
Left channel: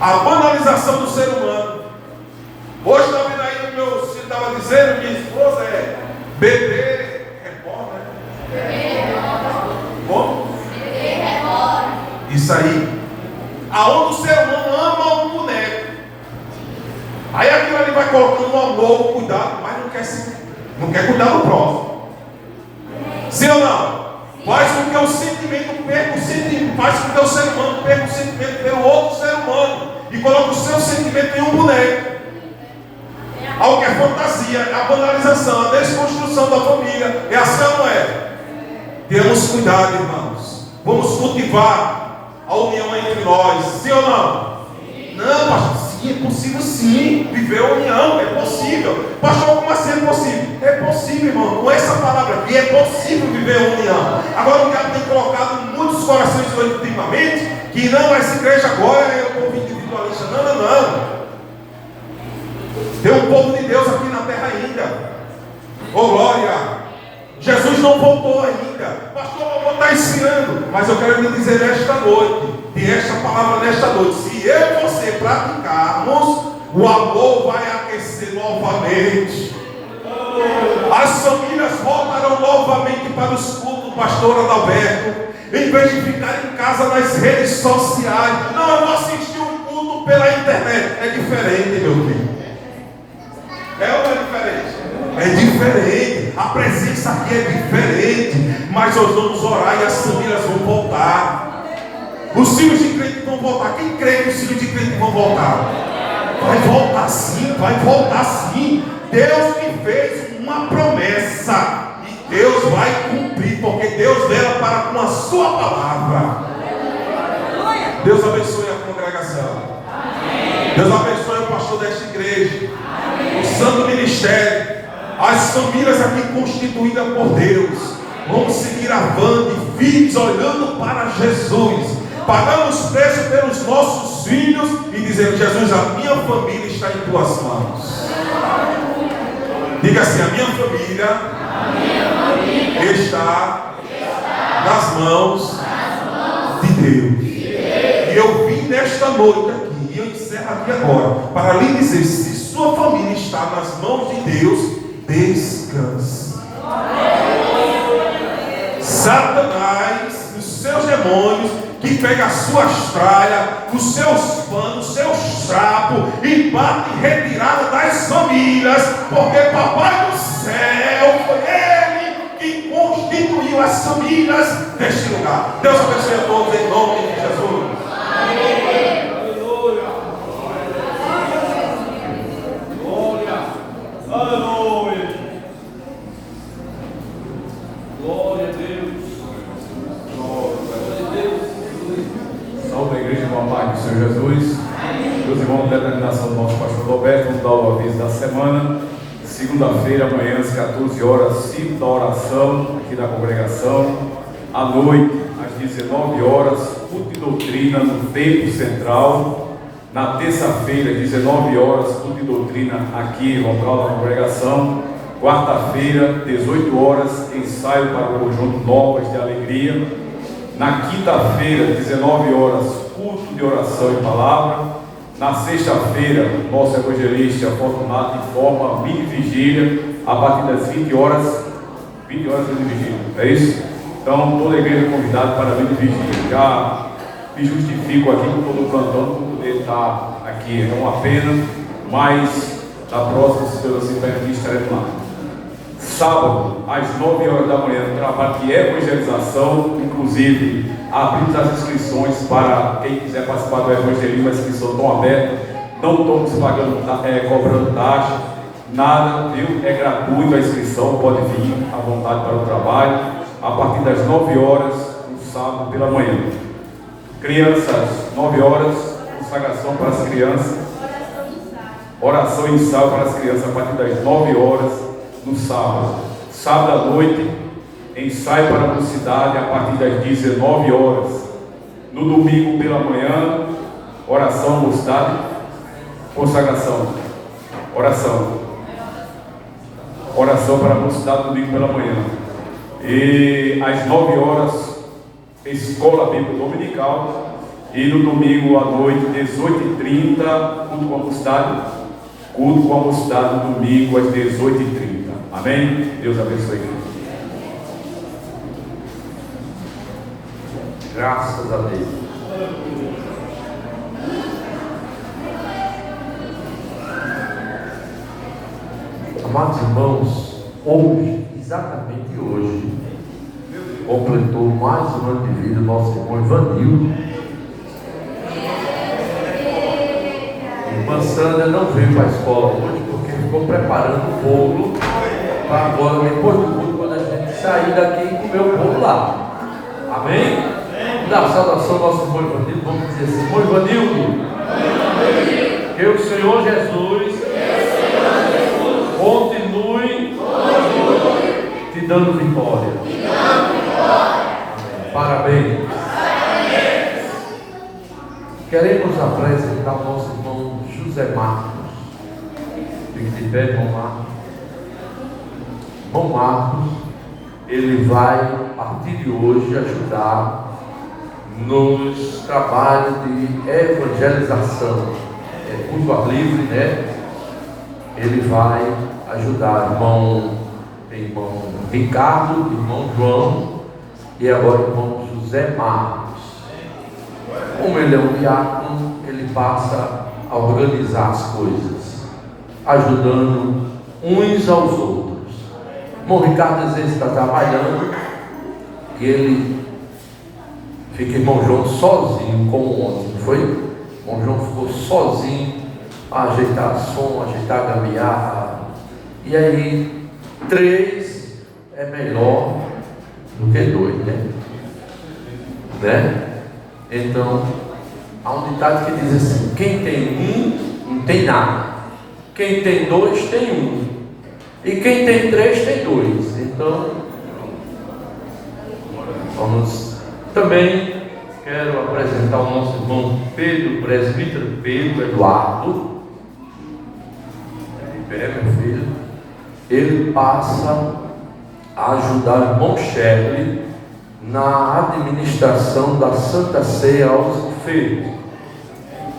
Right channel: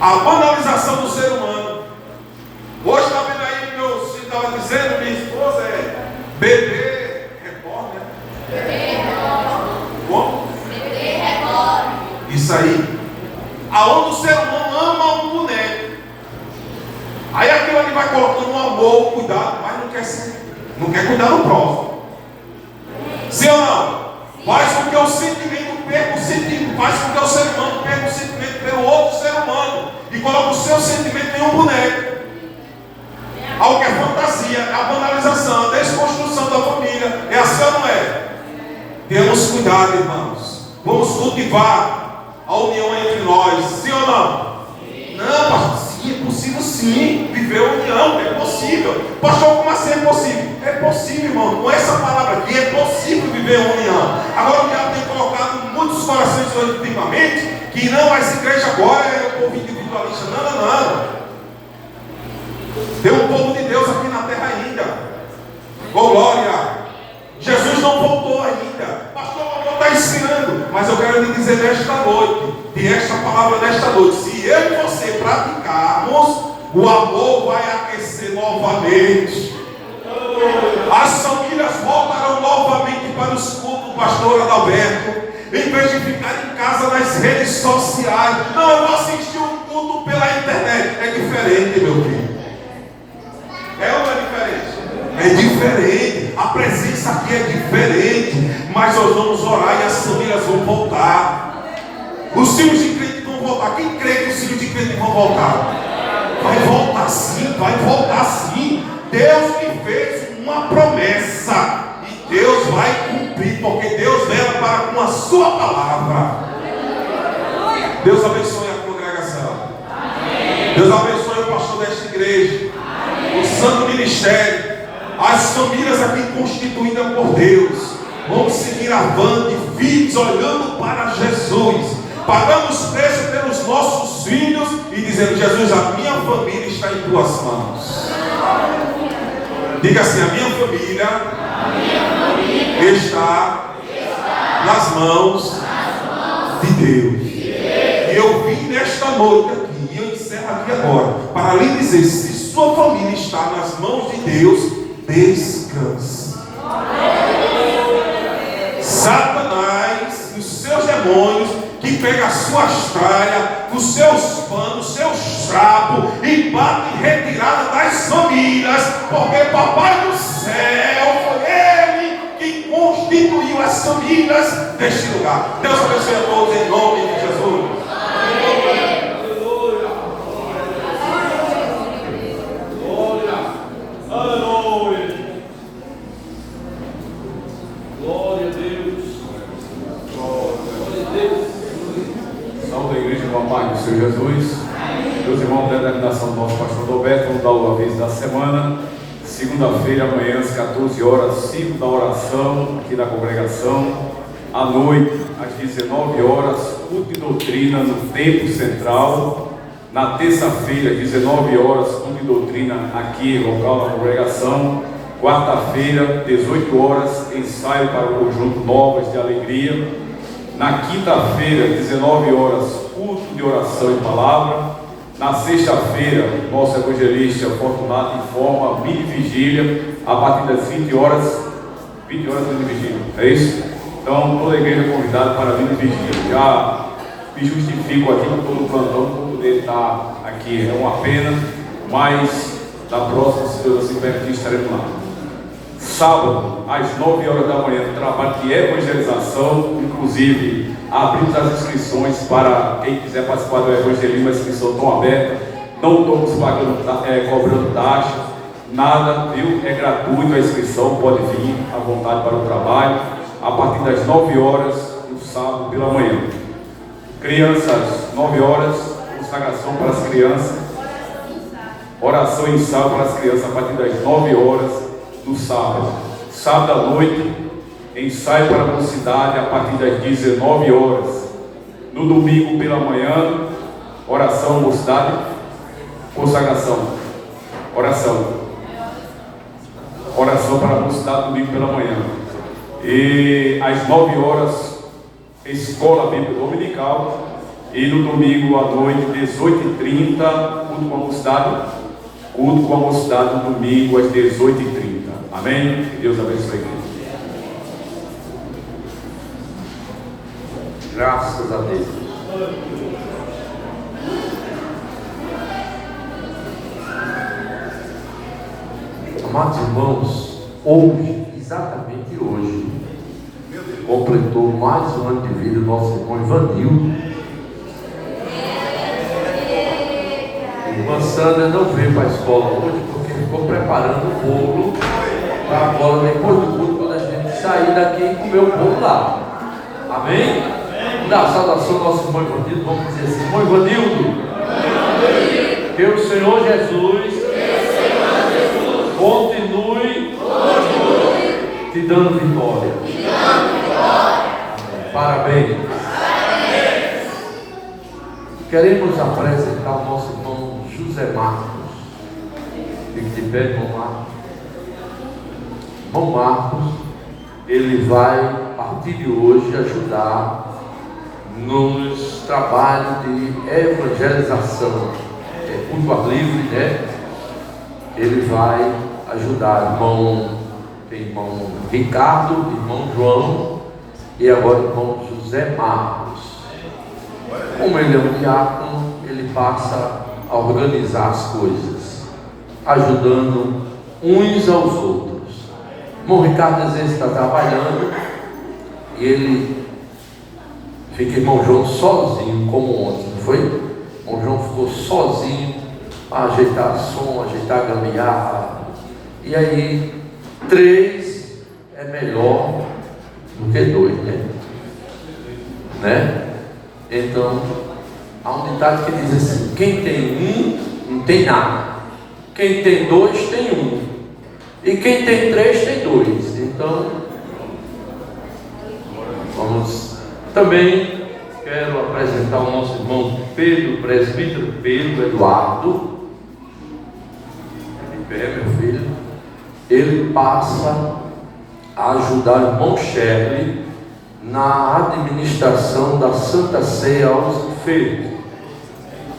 A banalização do ser humano. Hoje está vendo aí, meu filho estava dizendo, minha esposa é bebê reborn, né? Bebê reborn. Como? Bebê reborn. Isso aí. Aonde o ser humano ama um boneco. Aí aquilo ali vai colocando um amor, um cuidado, mas não quer cuidar do próximo. Sim ou não? Faz com que o sentimento perca o sentimento. Faz com que o ser humano perca o sentimento pelo outro ser humano. E coloca o seu sentimento em um boneco. Algo que é fantasia, a banalização, a desconstrução da família. É assim ou não é? Temos cuidado, irmãos. Vamos cultivar a união entre nós. Sim ou não? Sim. Não, pastor, sim, é possível sim. Viver a união, é possível. Pastor, como assim é possível? É possível, irmão. Com essa palavra aqui, é possível viver a união. Agora o diabo tem colocado em muitos corações ultimamente que não, essa igreja agora é o povo individualista. Não. Tem um povo de Deus aqui na terra ainda. Oh, glória. Jesus não voltou ainda. Pastor, não está ensinando. Mas eu quero lhe dizer nesta noite, tem esta palavra nesta noite. Se eu e você praticarmos, o amor vai aquecer novamente. As famílias voltarão novamente para os cultos, pastor Adalberto. Em vez de ficar em casa nas redes sociais. Não, eu vou assistir um culto pela internet. É diferente, meu filho. É ou não é diferente? É diferente. A presença aqui é diferente. Mas nós vamos orar e as famílias vão voltar. Os filhos de crente vão voltar. Quem crê que os filhos de crente vão voltar? Vai voltar sim, vai voltar sim. Deus me fez uma promessa. E Deus vai cumprir. Porque Deus vela para com a sua palavra. Deus abençoe a congregação. Deus abençoe o pastor desta igreja. O santo ministério. As famílias aqui constituídas por Deus vão seguir avante, firmes, olhando para Jesus. Pagamos preço pelos nossos filhos e dizendo: Jesus, a minha família está em tuas mãos. Diga assim: a minha família está nas mãos de Deus. E eu vim nesta noite aqui, e eu encerro aqui agora, para lhe dizer: se sua família está nas mãos de Deus, descanse. Satanás e os seus demônios que pegam as suas tralhas, os seus panos, os seus trapos e batem em retirada das famílias, porque Papai do céu foi Ele que constituiu as famílias deste lugar. Deus abençoe a todos em nome de Jesus. Aleluia. Glória a Deus. Glória a Deus. Salve a igreja do Amado do Senhor Jesus. Meus irmãos, determinação do nosso pastor Roberto, vamos dar o aviso da semana. Segunda-feira, amanhã, às 14 horas, ciclo da oração aqui da congregação. À noite, às 19 horas, culto de doutrina no Templo Central. Na terça-feira, às 19 horas, culto de doutrina aqui no local da congregação. Quarta-feira, 18 horas, ensaio para o conjunto Novas de Alegria. Na quinta-feira, 19 horas, culto de oração e palavra. Na sexta-feira, nosso evangelista Fortunato informa mini vigília a partir das 20 horas. 20 horas de vigília, é isso? Então, toda a igreja é convidada para a mini vigília. Já me justifico aqui com todo o plantão por poder estar aqui, é uma pena, mas na próxima, se Deus assim permitir, estaremos lá. Sábado, às 9 horas da manhã, trabalho de evangelização, inclusive abrimos as inscrições para quem quiser participar do evangelismo. A inscrição está aberta, não estamos cobrando taxa, nada, viu? É gratuito a inscrição, pode vir à vontade para o trabalho, a partir das 9 horas, no sábado pela manhã. Crianças, 9 horas, consagração para as crianças, oração e ensaio para as crianças a partir das 9 horas no sábado. Sábado à noite, ensaio para a mocidade a partir das 19 horas. No domingo pela manhã, oração, mocidade, consagração, oração para a mocidade domingo pela manhã. E às 9 horas, escola bíblica dominical. E no domingo à noite, 18h30, culto com a mocidade. Culto com a mocidade no domingo às 18h30. Amém? Deus abençoe a igreja. Graças a Deus. Amados irmãos, hoje, exatamente hoje, completou mais um ano de vida o nosso irmão Ivanildo. Irmã Sandra não veio para a escola hoje porque ficou preparando o bolo para agora, depois do culto, quando a gente sair daqui e comer o bolo lá. Amém? Dá a saudação ao nosso irmão Ivanildo. Vamos dizer assim: irmão Ivanildo, que o Senhor Jesus continue te dando vitória. Parabéns. Queremos apresentar o nosso irmão José Marcos. Fique de pé, irmão Marcos. Irmão Marcos, ele vai, a partir de hoje, ajudar nos trabalhos de evangelização. É culto ao livre, né? Ele vai ajudar irmão Ricardo, irmão João e agora o irmão José Marcos. Como ele é um diácono, ele passa a organizar as coisas, ajudando uns aos outros. O irmão Ricardo às vezes está trabalhando e ele fica irmão João sozinho, como ontem, não foi? O irmão João ficou sozinho para ajeitar som, ajeitar a gambiarra. E aí, 3 é melhor do que 2, né? Então, há um ditado que diz assim: quem tem um, não tem nada. Quem tem 2 tem 1. E quem tem 3 tem 2. Então, vamos. Também quero apresentar o nosso irmão Pedro, presbítero Pedro Eduardo. Ele pé, meu filho. Ele passa a ajudar o irmão Shelley na administração da Santa Ceia aos enfermos.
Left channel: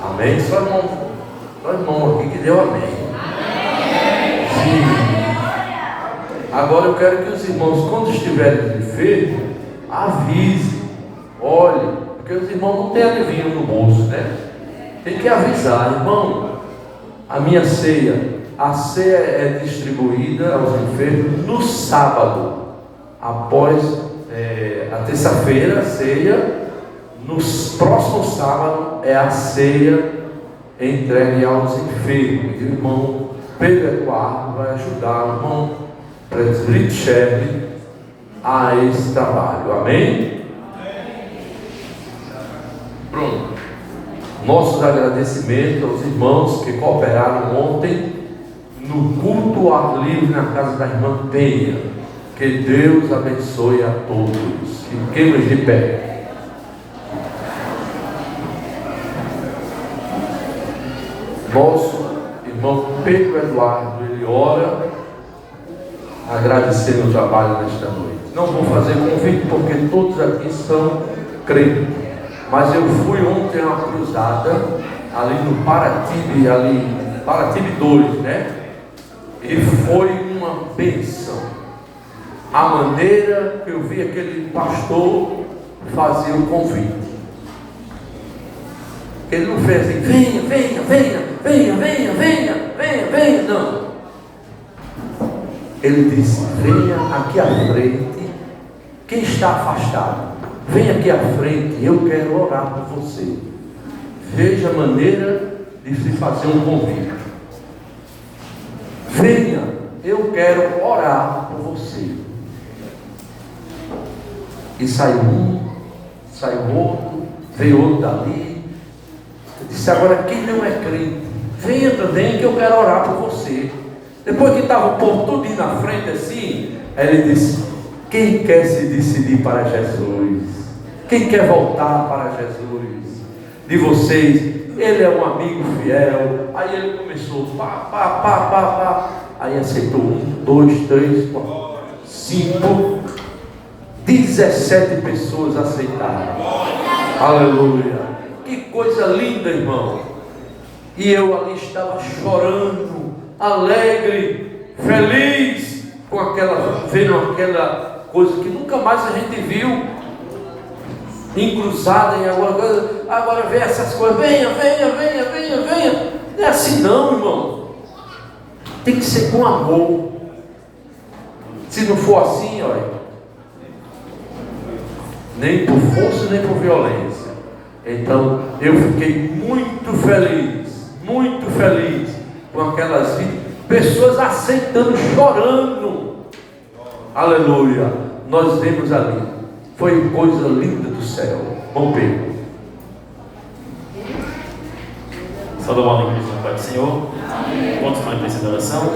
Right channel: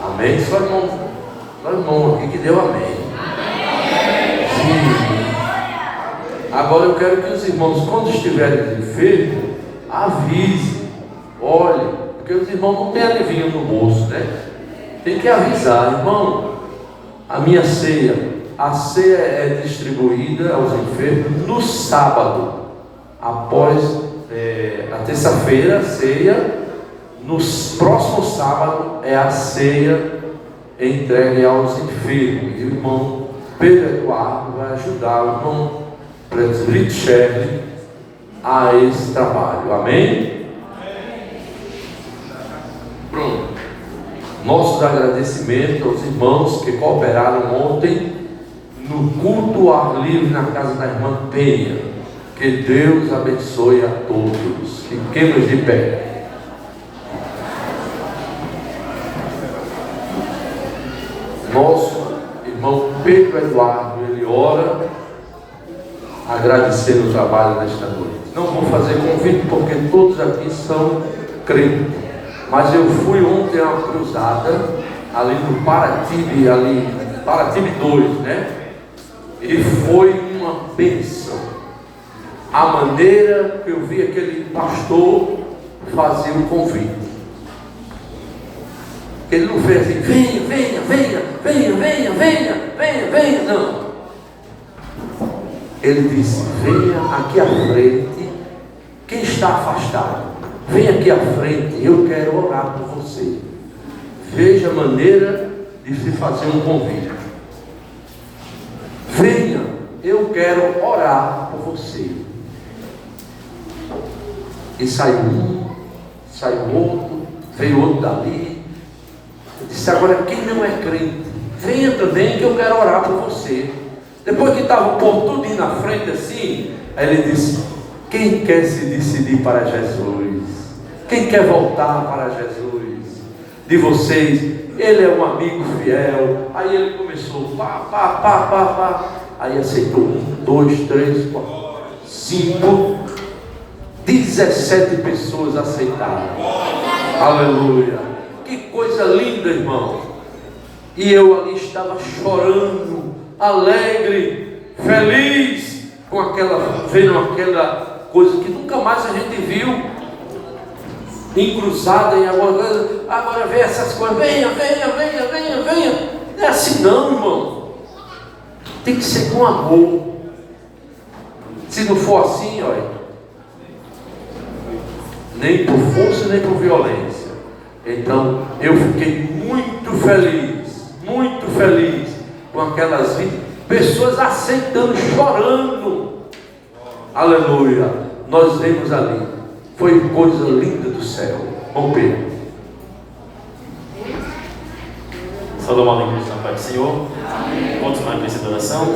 Amém? Só irmão aqui que deu amém. Sim. Agora eu quero que os irmãos, quando estiverem enfermos, avisem. Olhe, porque os irmãos não têm adivinho no bolso, né? Tem que avisar, irmão, a minha ceia. A ceia é distribuída aos enfermos no sábado, após a terça-feira, a ceia. No próximo sábado é a ceia entregue aos enfermos. E o irmão Pedro Eduardo vai ajudar o irmão presbítero Shelley a esse trabalho. Amém? Pronto. Nossos agradecimentos aos irmãos que cooperaram ontem no culto ao ar livre na casa da irmã Penha. Que Deus abençoe a todos. Fiquemos de pé. Nosso irmão Pedro Eduardo, ele ora, agradecendo o trabalho nesta noite. Não vou fazer convite porque todos aqui são crentes, mas eu fui ontem a uma cruzada ali no Paratibe 2, né? E foi uma bênção. A maneira que eu vi aquele pastor fazer o convite. Ele não fez assim, venha, não. Ele disse, venha aqui à frente, quem está afastado, venha aqui à frente, eu quero orar por você. Veja a maneira de se fazer um convite. Venha, eu quero orar por você. E saiu um, saiu outro, veio outro dali. Eu disse, agora quem não é crente, venha também que eu quero orar por você. Depois que estava o povo tudo na frente assim, aí ele disse, quem quer se decidir para Jesus? Quem quer voltar para Jesus? De vocês, ele é um amigo fiel. Aí ele começou, aí aceitou 1, 2, 3, 4, 5, 17 pessoas aceitaram. Aleluia. Que coisa linda, irmão. E eu ali estava chorando, alegre, feliz, vendo aquela coisa que nunca mais a gente viu, encruzada em alguma coisa. Agora vê essas coisas, venha. Não é assim não, irmão. Tem que ser com amor. Se não for assim, olha, nem por força, nem por violência. Então, eu fiquei muito feliz com aquelas 20 pessoas aceitando, chorando. Aleluia. Nós vemos ali. Foi coisa linda do céu. Vamos ver. Salomão da igreja do Senhor. Vamos fazer uma de oração.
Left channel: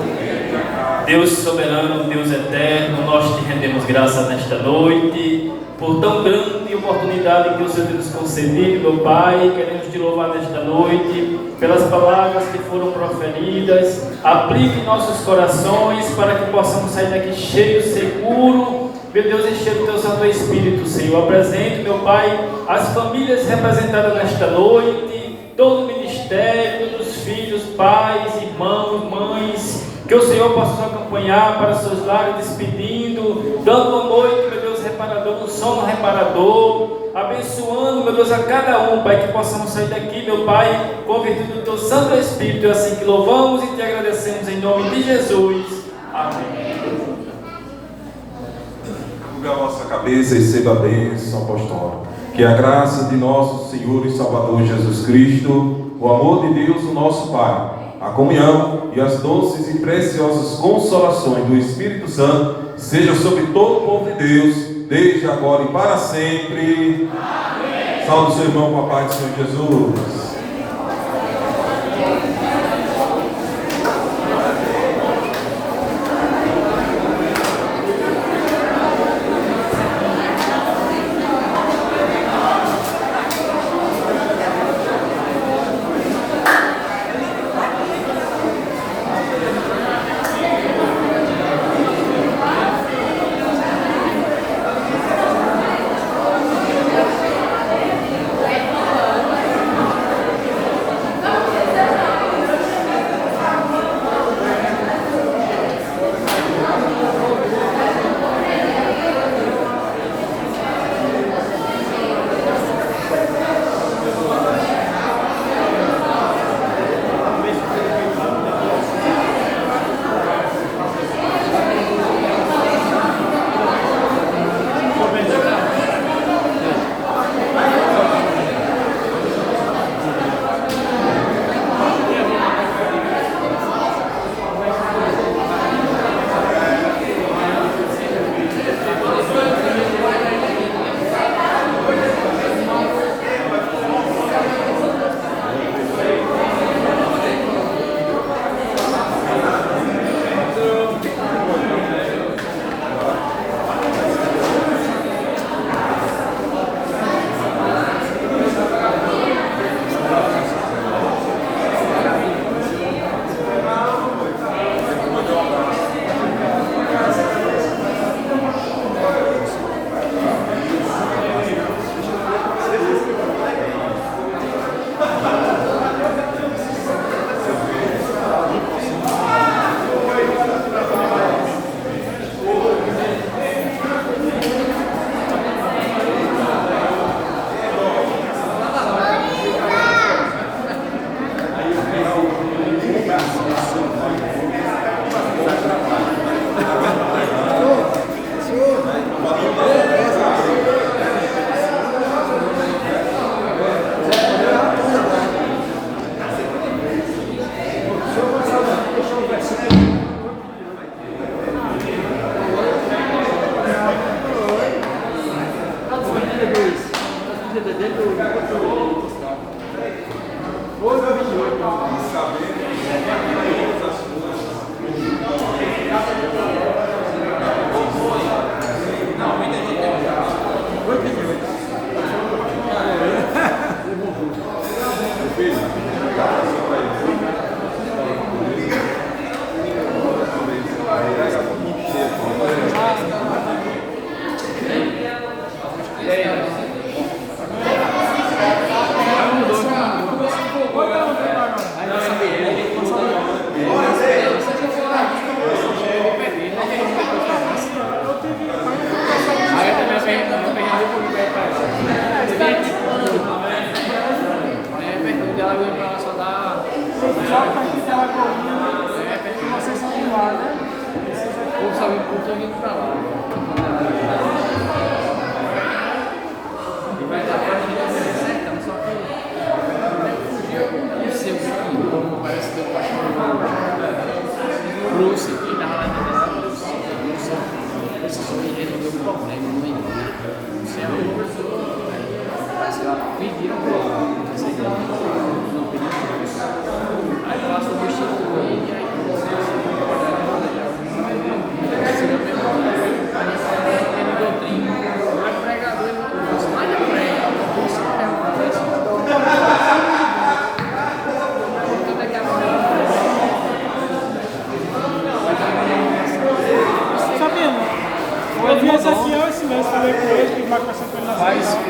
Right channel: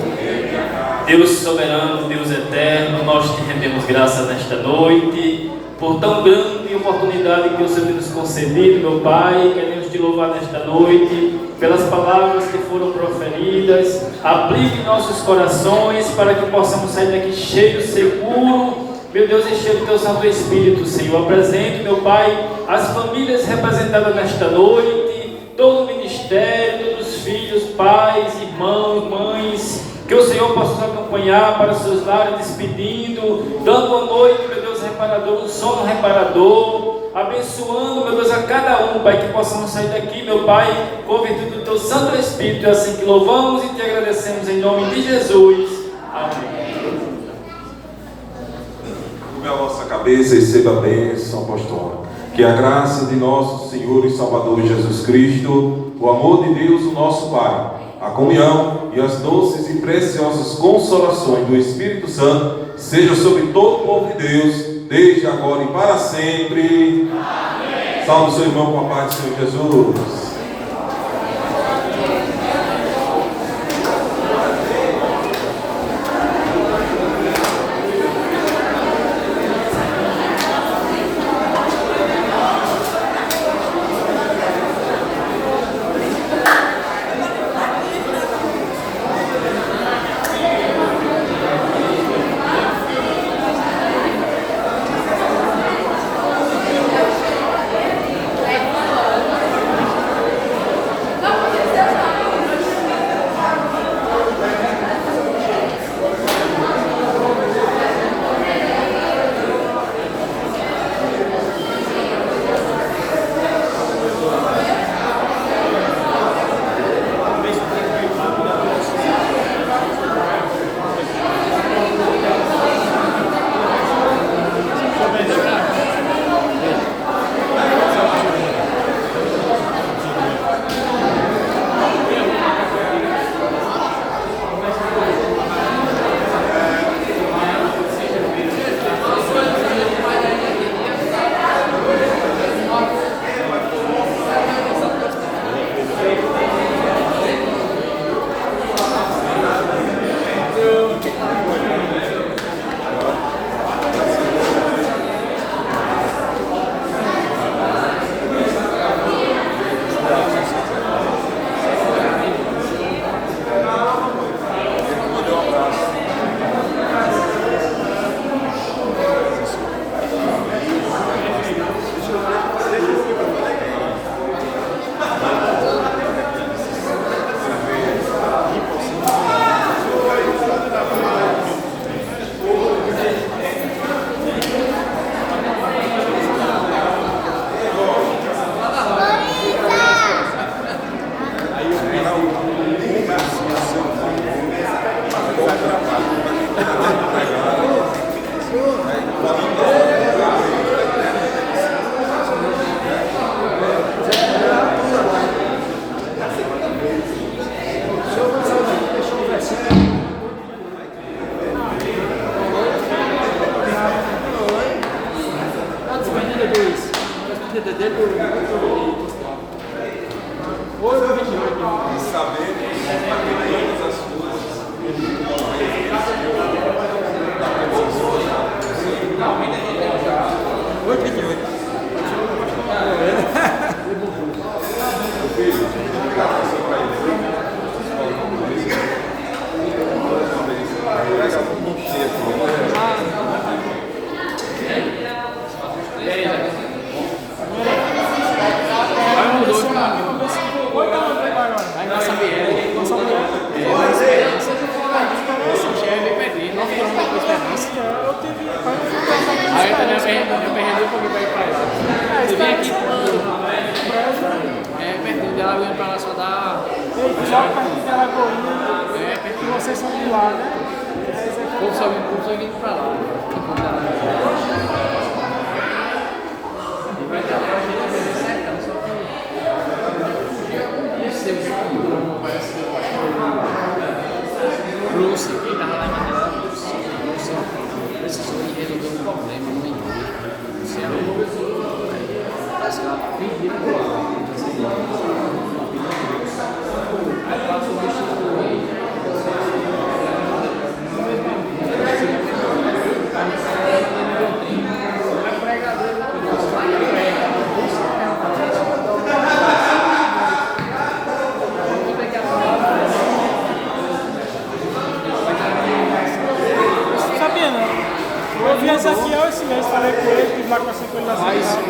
Deus soberano, Deus eterno, nós te rendemos graças nesta noite por tão grande oportunidade que o Senhor nos concedido, meu Pai. Queremos te louvar nesta noite pelas palavras que foram proferidas. Aplique em nossos corações para que possamos sair daqui cheios, seguros, meu Deus, encher do teu Santo Espírito, Senhor. Apresento, meu Pai, as famílias representadas nesta noite, todo o ministério, todos os filhos, pais, irmãos, mães, que o Senhor possa nos acompanhar para os seus lares, despedindo, dando uma noite, meu Deus, reparador, um sono reparador, abençoando, meu Deus, a cada um, Pai, que possamos sair daqui, meu Pai, convertido no teu Santo Espírito. É assim que louvamos e te agradecemos em nome de Jesus. Amém. Curva a nossa cabeça e receba a bênção apostólica. Que a graça de nosso Senhor e Salvador Jesus Cristo, o amor de Deus, o nosso Pai, a comunhão e as doces e preciosas consolações do Espírito Santo seja sobre todo o povo de Deus, desde agora e para sempre. Amém. Salve o seu irmão com a paz do Senhor Jesus.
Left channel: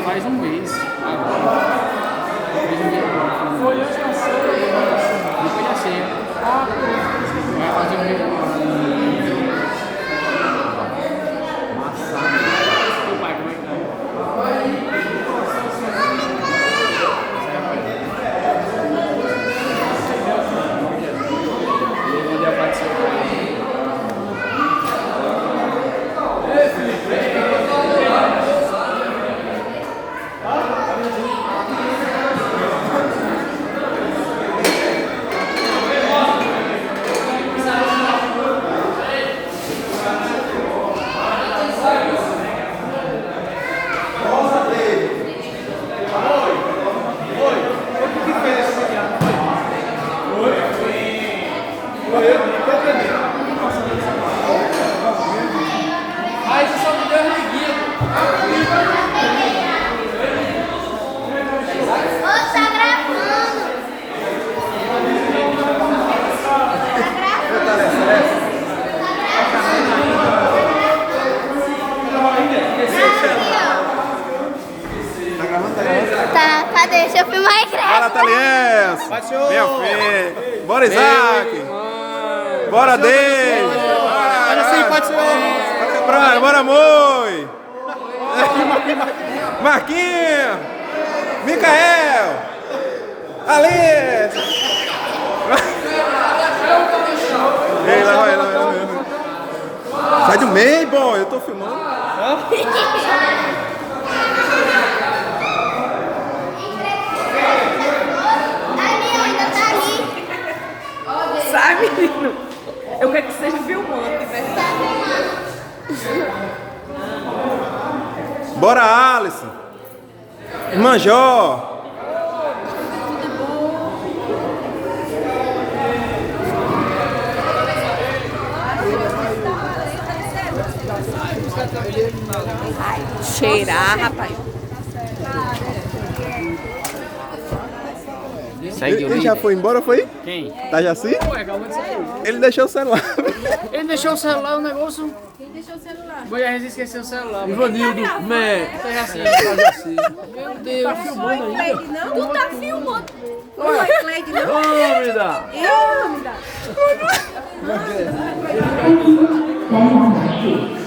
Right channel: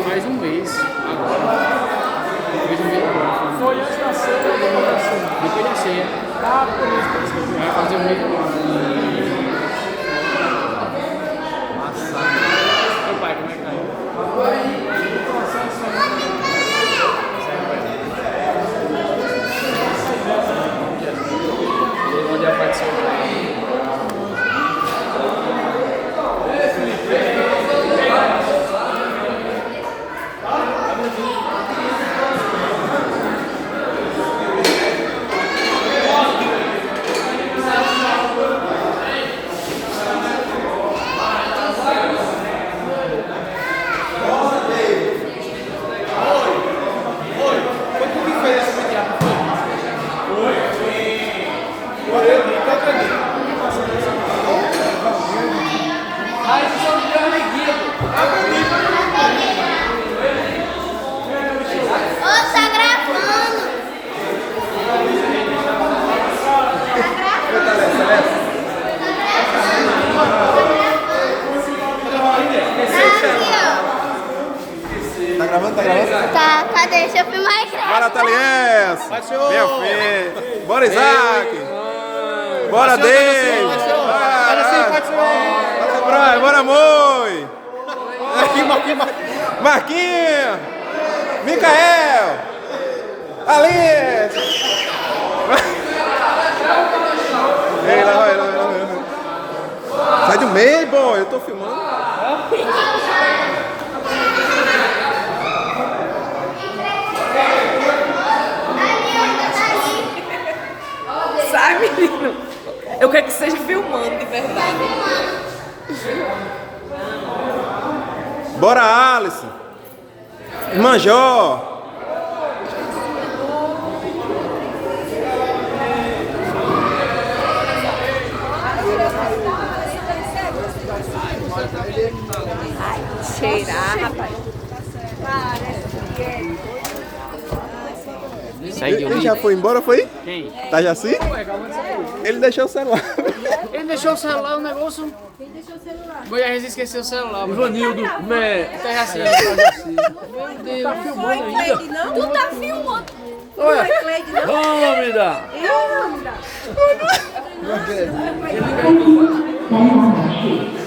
Faz um mês agora. Fez um mês agora. Foi antes da ceia. Depois da ceia. Ah, por isso. Vai fazer um mês agora. Massa. Meu pai, como é que tá? Ele pode aparecer. Tá, cadê? Deixa eu filmar aí. Bora, Taliense! Minha filha! Bora, Isaac! Bora, David! Bora, Brian! Bora, Moi! Marquinhos! Micael! Alice! Ei, lá vai. Sai do meio, bom, eu tô filmando. Sai, menino. Eu quero que seja filmando, de verdade. Bora, Alisson. Irmã Jó. cheirar, rapaz. Ele já foi embora, foi? Quem? Tá já assim? Ele deixou o celular. Ele deixou o celular, o negócio. Ele deixou o celular. A gente esqueceu o celular. Ivanildo, né? Tá já assim. Meu Deus. Tá filmando ainda? Tu tá filmando. Vamos me dar. Vamos